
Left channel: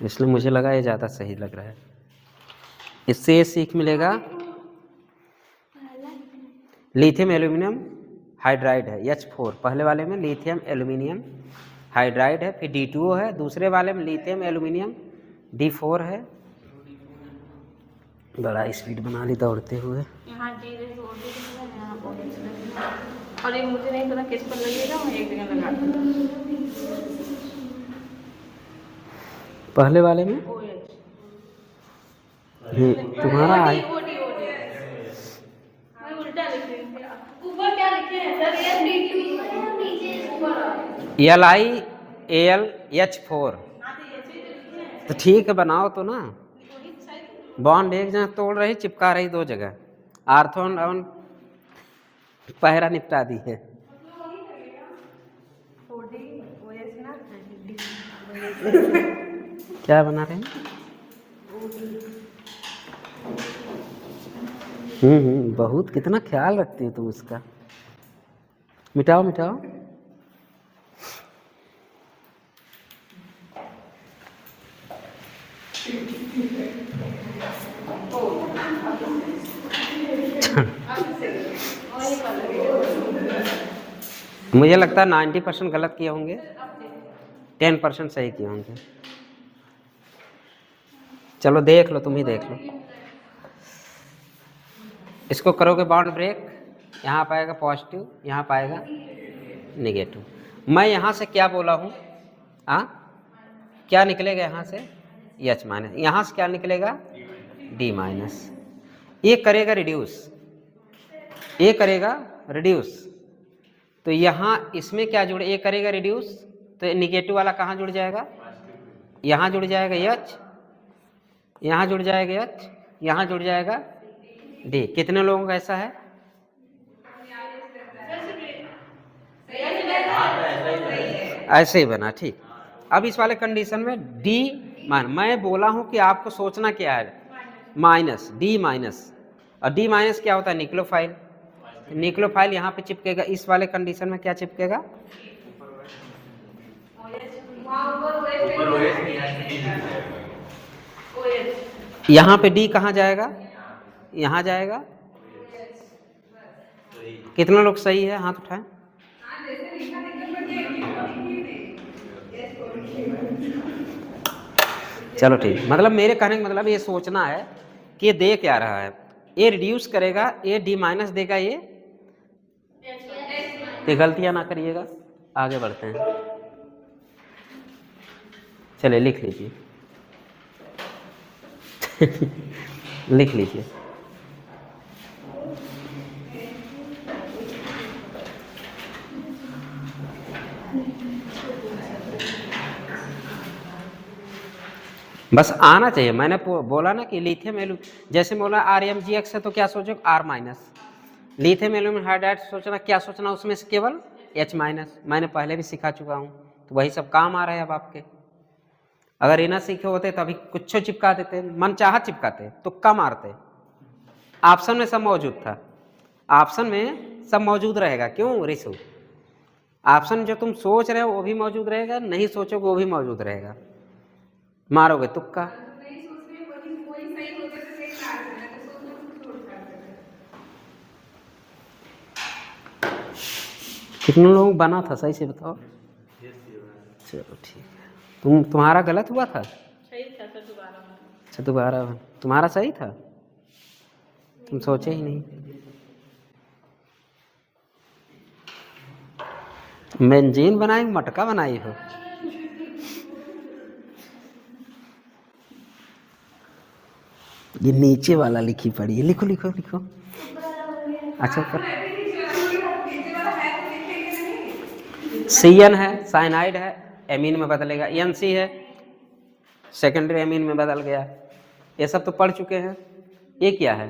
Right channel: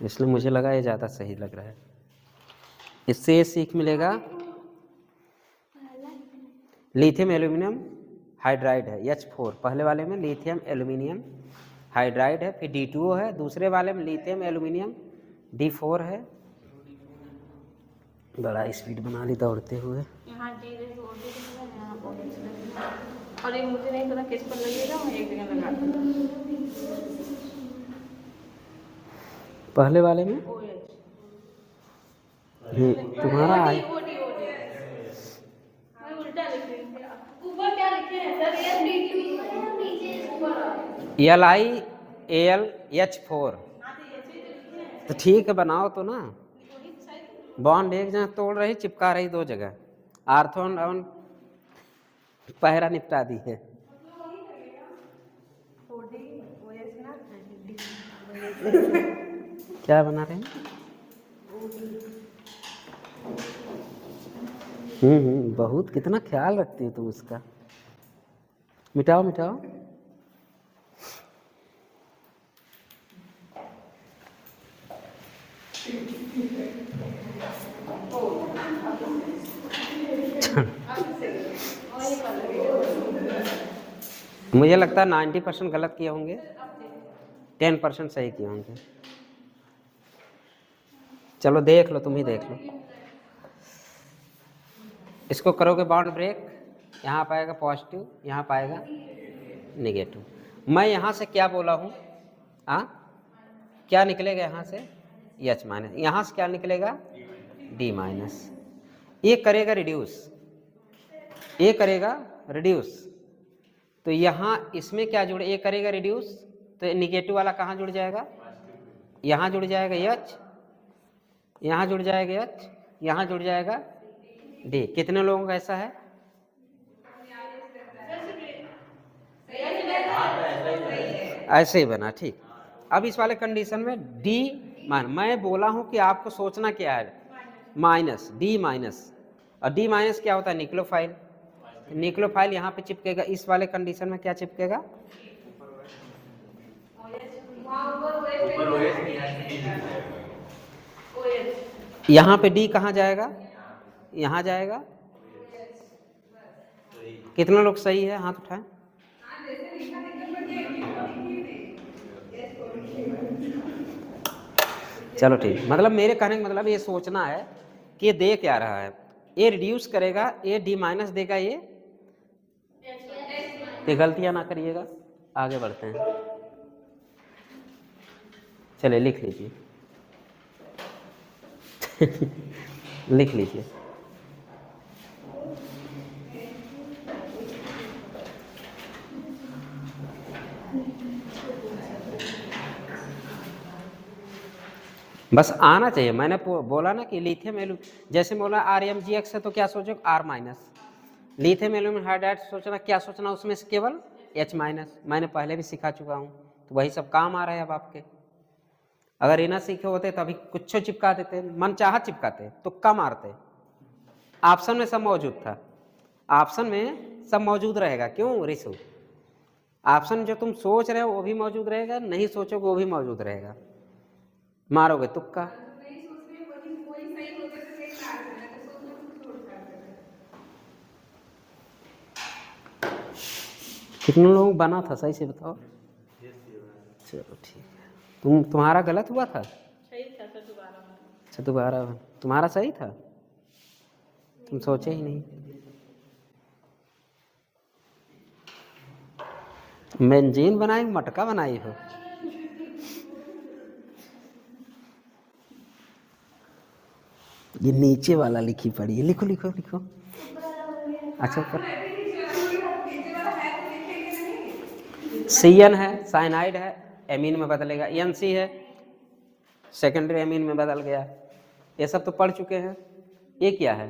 इसलिए मुझे लगा ये ज़्यादा सही लग रहा है। इससे ये सीख मिलेगा, लिथियम एल्यूमिनियम हाइड्राइड है, H4 पहले वाले में लिथियम एल्यूमिनियम हाइड्राइड है, फिर D2O है, दूसरे वाले में लिथियम एल्यूमिनियम D4 है। बड़ा स्पीड बना ली दौड़ते हुए। और ये मुझे नहीं पता किस पर लगेगा, मैं एक जगह लगा दूँ। पहले वाले में तुम्हारा LiAlH4, तो ठीक है, बनाओ तो ना। बॉन्ड एक जगह तोड़ रही, चिपका रही दो जगह। आर्थोन और पहरा निपटा दी है। क्या बना रहे हैं? बहुत, कितना ख्याल रखती हो तुम उसका। मिटाओ मिटाओ। मुझे लगता है 90% गलत किए होंगे, 10% सही किए होंगे। चलो देख लो, तुम ही देख लो। इसको करोगे बाउंड ब्रेक, यहाँ पाएगा पॉजिटिव, यहाँ पाएगा नेगेटिव। मैं यहाँ से क्या बोला हूँ? क्या निकलेगा यहाँ से? H minus. यहाँ से क्या निकलेगा? D minus. ये करेगा रिड्यूस, ये करेगा रिड्यूस, तो यहाँ इसमें क्या जुड़े? ये करेगा रिड्यूस, तो निगेटिव वाला कहाँ जुड़ जाएगा? यहाँ जुड़ जाएगा H, यहाँ जुड़ जाएगा H, यहाँ जुड़ जाएगा D। कितने लोगों का ऐसा है? ऐसे ही बना, ठीक। अब इस वाले कंडीशन में D मान, मैं बोला हूँ कि आपको सोचना क्या है, माइनस, D माइनस, और D माइनस क्या होता है? न्यूक्लियोफाइल। न्यूक्लियोफाइल यहाँ पे चिपकेगा, इस वाले कंडीशन में क्या चिपकेगा? यहाँ पे D कहाँ जाएगा? यहाँ जाएगा। कितना लोग सही है? हाथ उठाएं। चलो ठीक, मतलब मेरे कहने का मतलब ये सोचना है कि ये दे क्या रहा है। ये रिड्यूस करेगा, ये D माइनस देगा, ये गलतियां ना करिएगा। आगे बढ़ते हैं, चलिए लिख लीजिए। लिख लीजिए। बस आना चाहिए। मैंने बोला ना कि लिथियम जैसे बोला RMGX है तो क्या सोचो? R minus, lithium aluminium hydride सोचना, क्या सोचना उसमें से केवल H-, मैंने पहले भी सिखा चुका हूँ, तो वही सब काम आ रहे हैं अब आपके। अगर ये ना सीखे होते तो अभी कुछ चिपका देते, मन चाहा चिपकाते, तुक्का मारते। ऑप्शन में सब मौजूद था, ऑप्शन में सब मौजूद रहेगा। क्यों रिशु? ऑप्शन जो तुम सोच रहे हो वो भी मौजूद रहेगा, नहीं सोचोगे वो भी मौजूद रहेगा, मारोगे तुक्का। कितने लोग बना था सही से बताओ? चलो ठीक है। तुम्हारा गलत हुआ था? सही था सर, दोबारा। अच्छा दोबारा तुम्हारा सही था, तुम सोचे ही नहीं। मेंजीन बनाई मटका बनाई हो? ये नीचे वाला लिखी पड़ी है, लिखो लिखो लिखो। अच्छा CN है, साइनाइड है, एमीन में बदलेगा, NC है, सेकेंडरी एमीन में बदल गया। ये सब तो पढ़ चुके हैं। ये क्या है?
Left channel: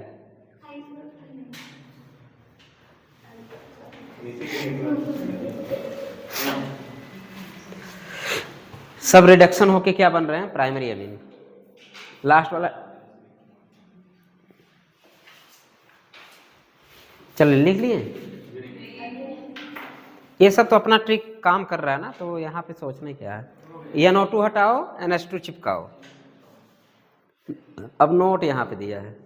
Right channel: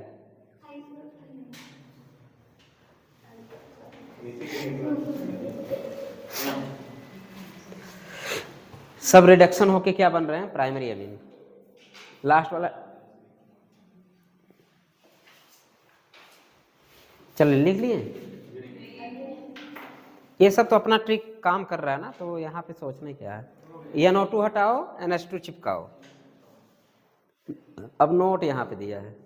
सब रिडक्शन होके क्या बन रहे हैं? Primary amine. लास्ट वाला चलो लिख लिए। ये सब तो अपना ट्रिक काम कर रहा है ना, तो यहाँ पे सोचने क्या है। NO2 हटाओ, NH2 चिपकाओ। अब नोट यहाँ पे दिया है।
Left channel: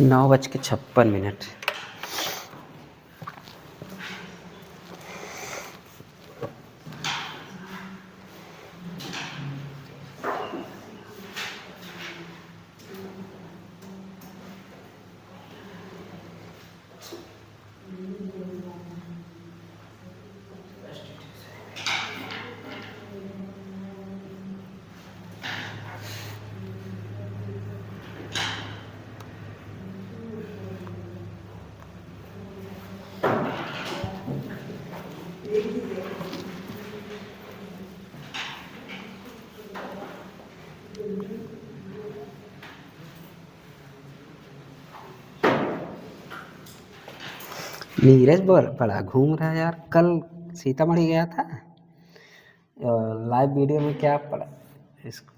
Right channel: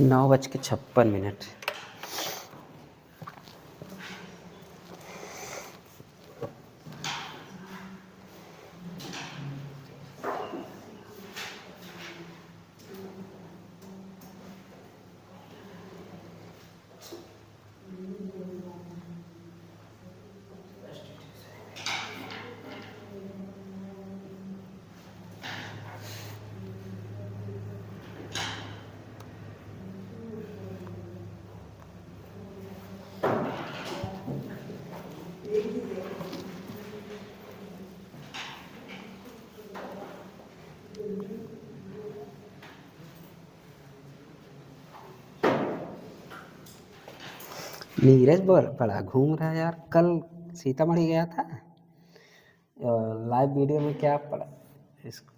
नौ बज के 56 मिनट। नीरज बड़ा घूम रहा है यार। कल सीतामढ़ी गया था, लाइव वीडियो में क्या पड़ा इसको।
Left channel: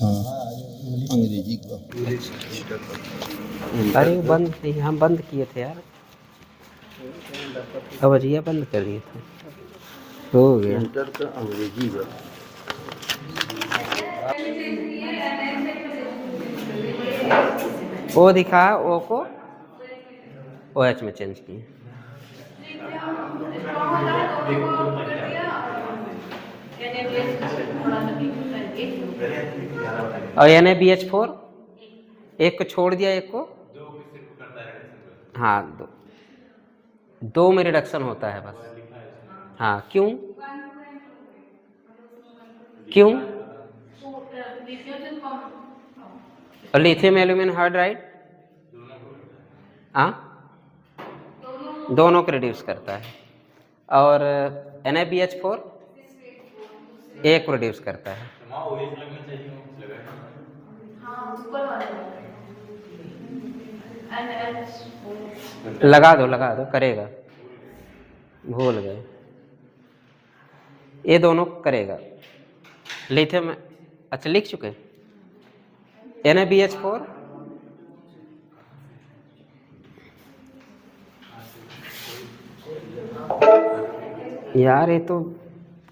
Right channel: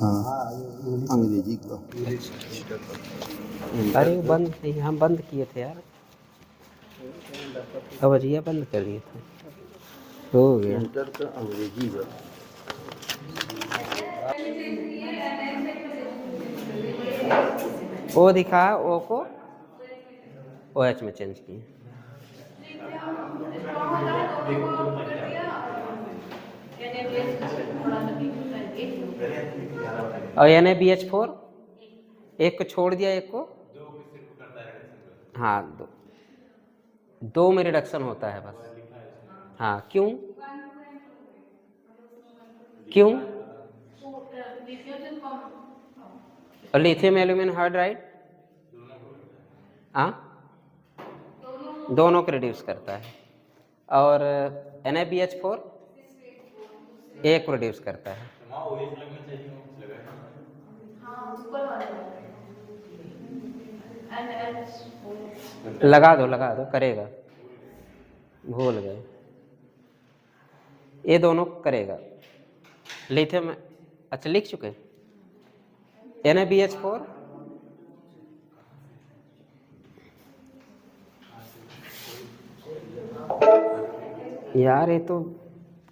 हाँ अंग्रेजी का। अरे वो बंद नहीं, हम बंद किए थे यार, अवजिया बंद कर दिए थे, हो गया। इंटर का अंग्रेजी का। ओ दिखा, ओ को ओ एच में चेंज किए। और NaBH4 एक को छोड़ दिया, एक को हाँ दो में रिडक्शन होता है बस। हाँ क्यों क्यों? और लिथियम एल्यूमिनियम हाइड्राइड हाँ दोनों को रिड्यूस करता है। और NaBH4 एक को रिड्यूस करता है। लगा दो करेगा, भूल गए, ये दोनों करेगा। लिथियम अच्छा लिख चुके। NaBH4 यार ये तो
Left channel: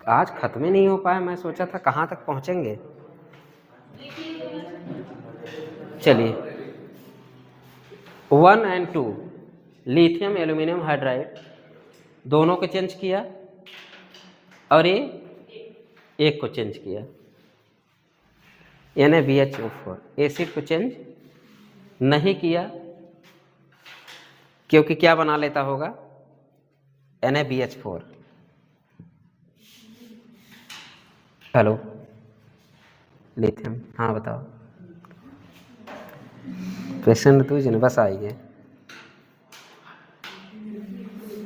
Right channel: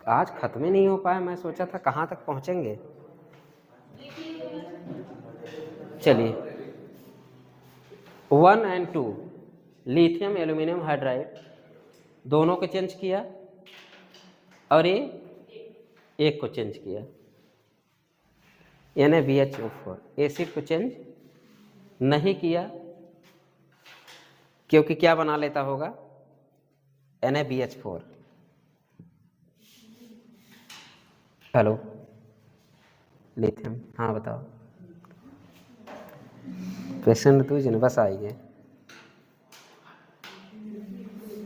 आज खत्म ही नहीं हो पाया, मैं सोचा था कहाँ तक पहुँचेंगे। चलिए 1 और 2 लिथियम एल्यूमिनियम हाइड्राइड दोनों को चेंज किया, और ये एक को चेंज किया। NaBH4 एसिड को चेंज नहीं किया, क्योंकि क्या बना लेता होगा NaBH4। हेलो लिथियम, हाँ बताओ। क्वेश्चन तुझे ना बस आइए,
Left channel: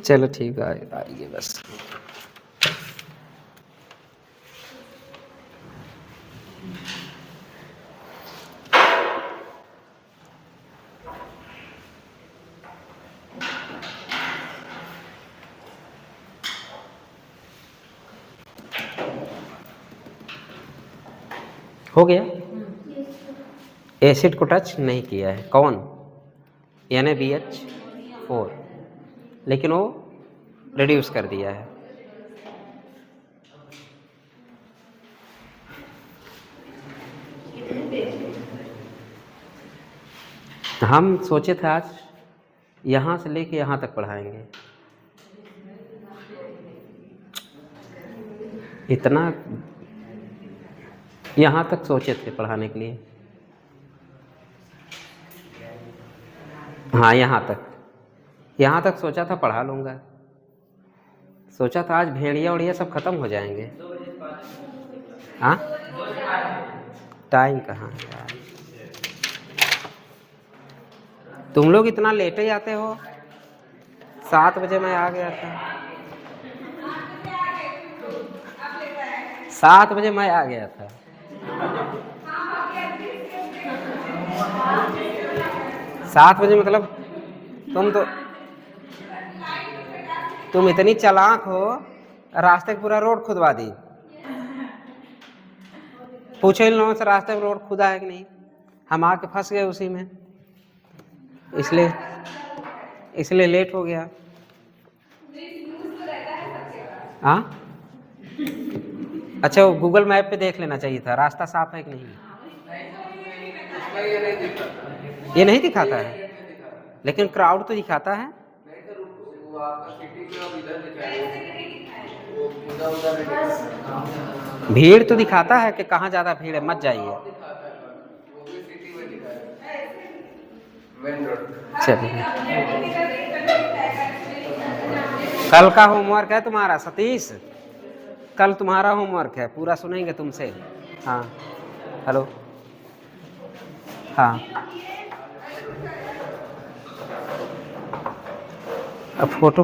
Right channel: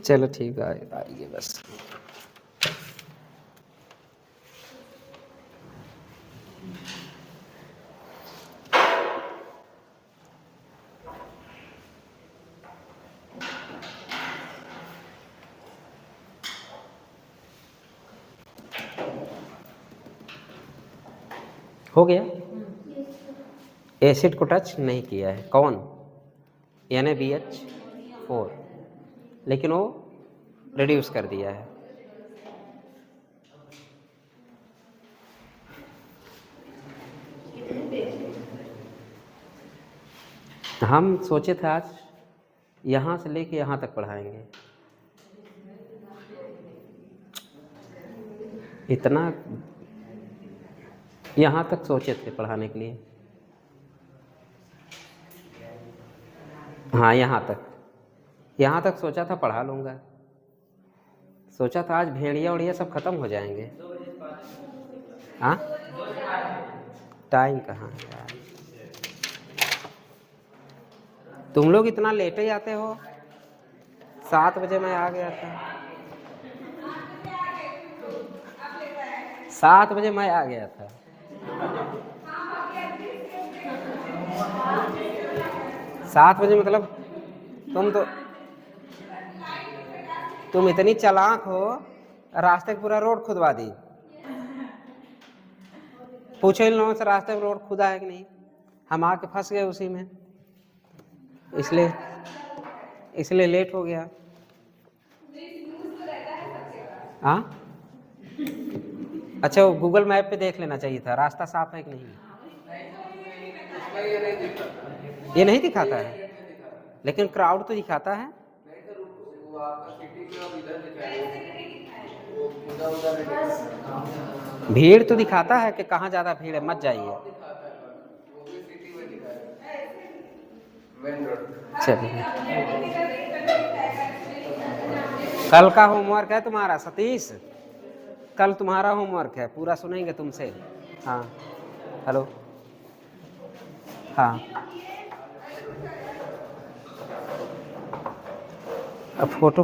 चलो ठीक है आइए बस। हो गया, एसिड को टच नहीं किया है कौन? NaBH4, लेकिन वो रिड्यूस कर दिया है। हम सोचे थे आज यहाँ से लेके यहाँ तक पढ़ाएंगे, इतना यहाँ तक सोचे थे पढ़ाने के लिए। हाँ यहाँ तक सोचा था पढ़ा लूँगा, सोचा था आज भेड़िया उड़िया सब खत्म हो जाएंगे। हाँ टाइम कहाँ है यार, तुम लोग इतना लेट ही आते हो। 7 बजे मैं आ गया था, 7 बजे मैं आ गया था। 7 बजे मतलब तुम इतनी चालाक हो, रास्ते पूरा रोड खुदवा दी। पूछो इन लोगों से रास्ते पर रोड खुदा है कि नहीं, हम आके फंस गए उसी में, इसलिए लेट हो गया। हाँ अच्छा वो गूगल मैप पे देख लेना चाहिए था रास्ता साफ है कि नहीं। ये नहीं दिखाता है, लेकिन क्राउड तो दिखाता है। भीड़ तो दिखाता है कि कहाँ ज़्यादा भीड़ है, मत जाइए। चलिए कल का होमवर्क है तुम्हारा सतीश, कल तुम्हारा होमवर्क है, पूरा सुनेंगे तुमसे। हाँ हेलो हाँ अब फोटो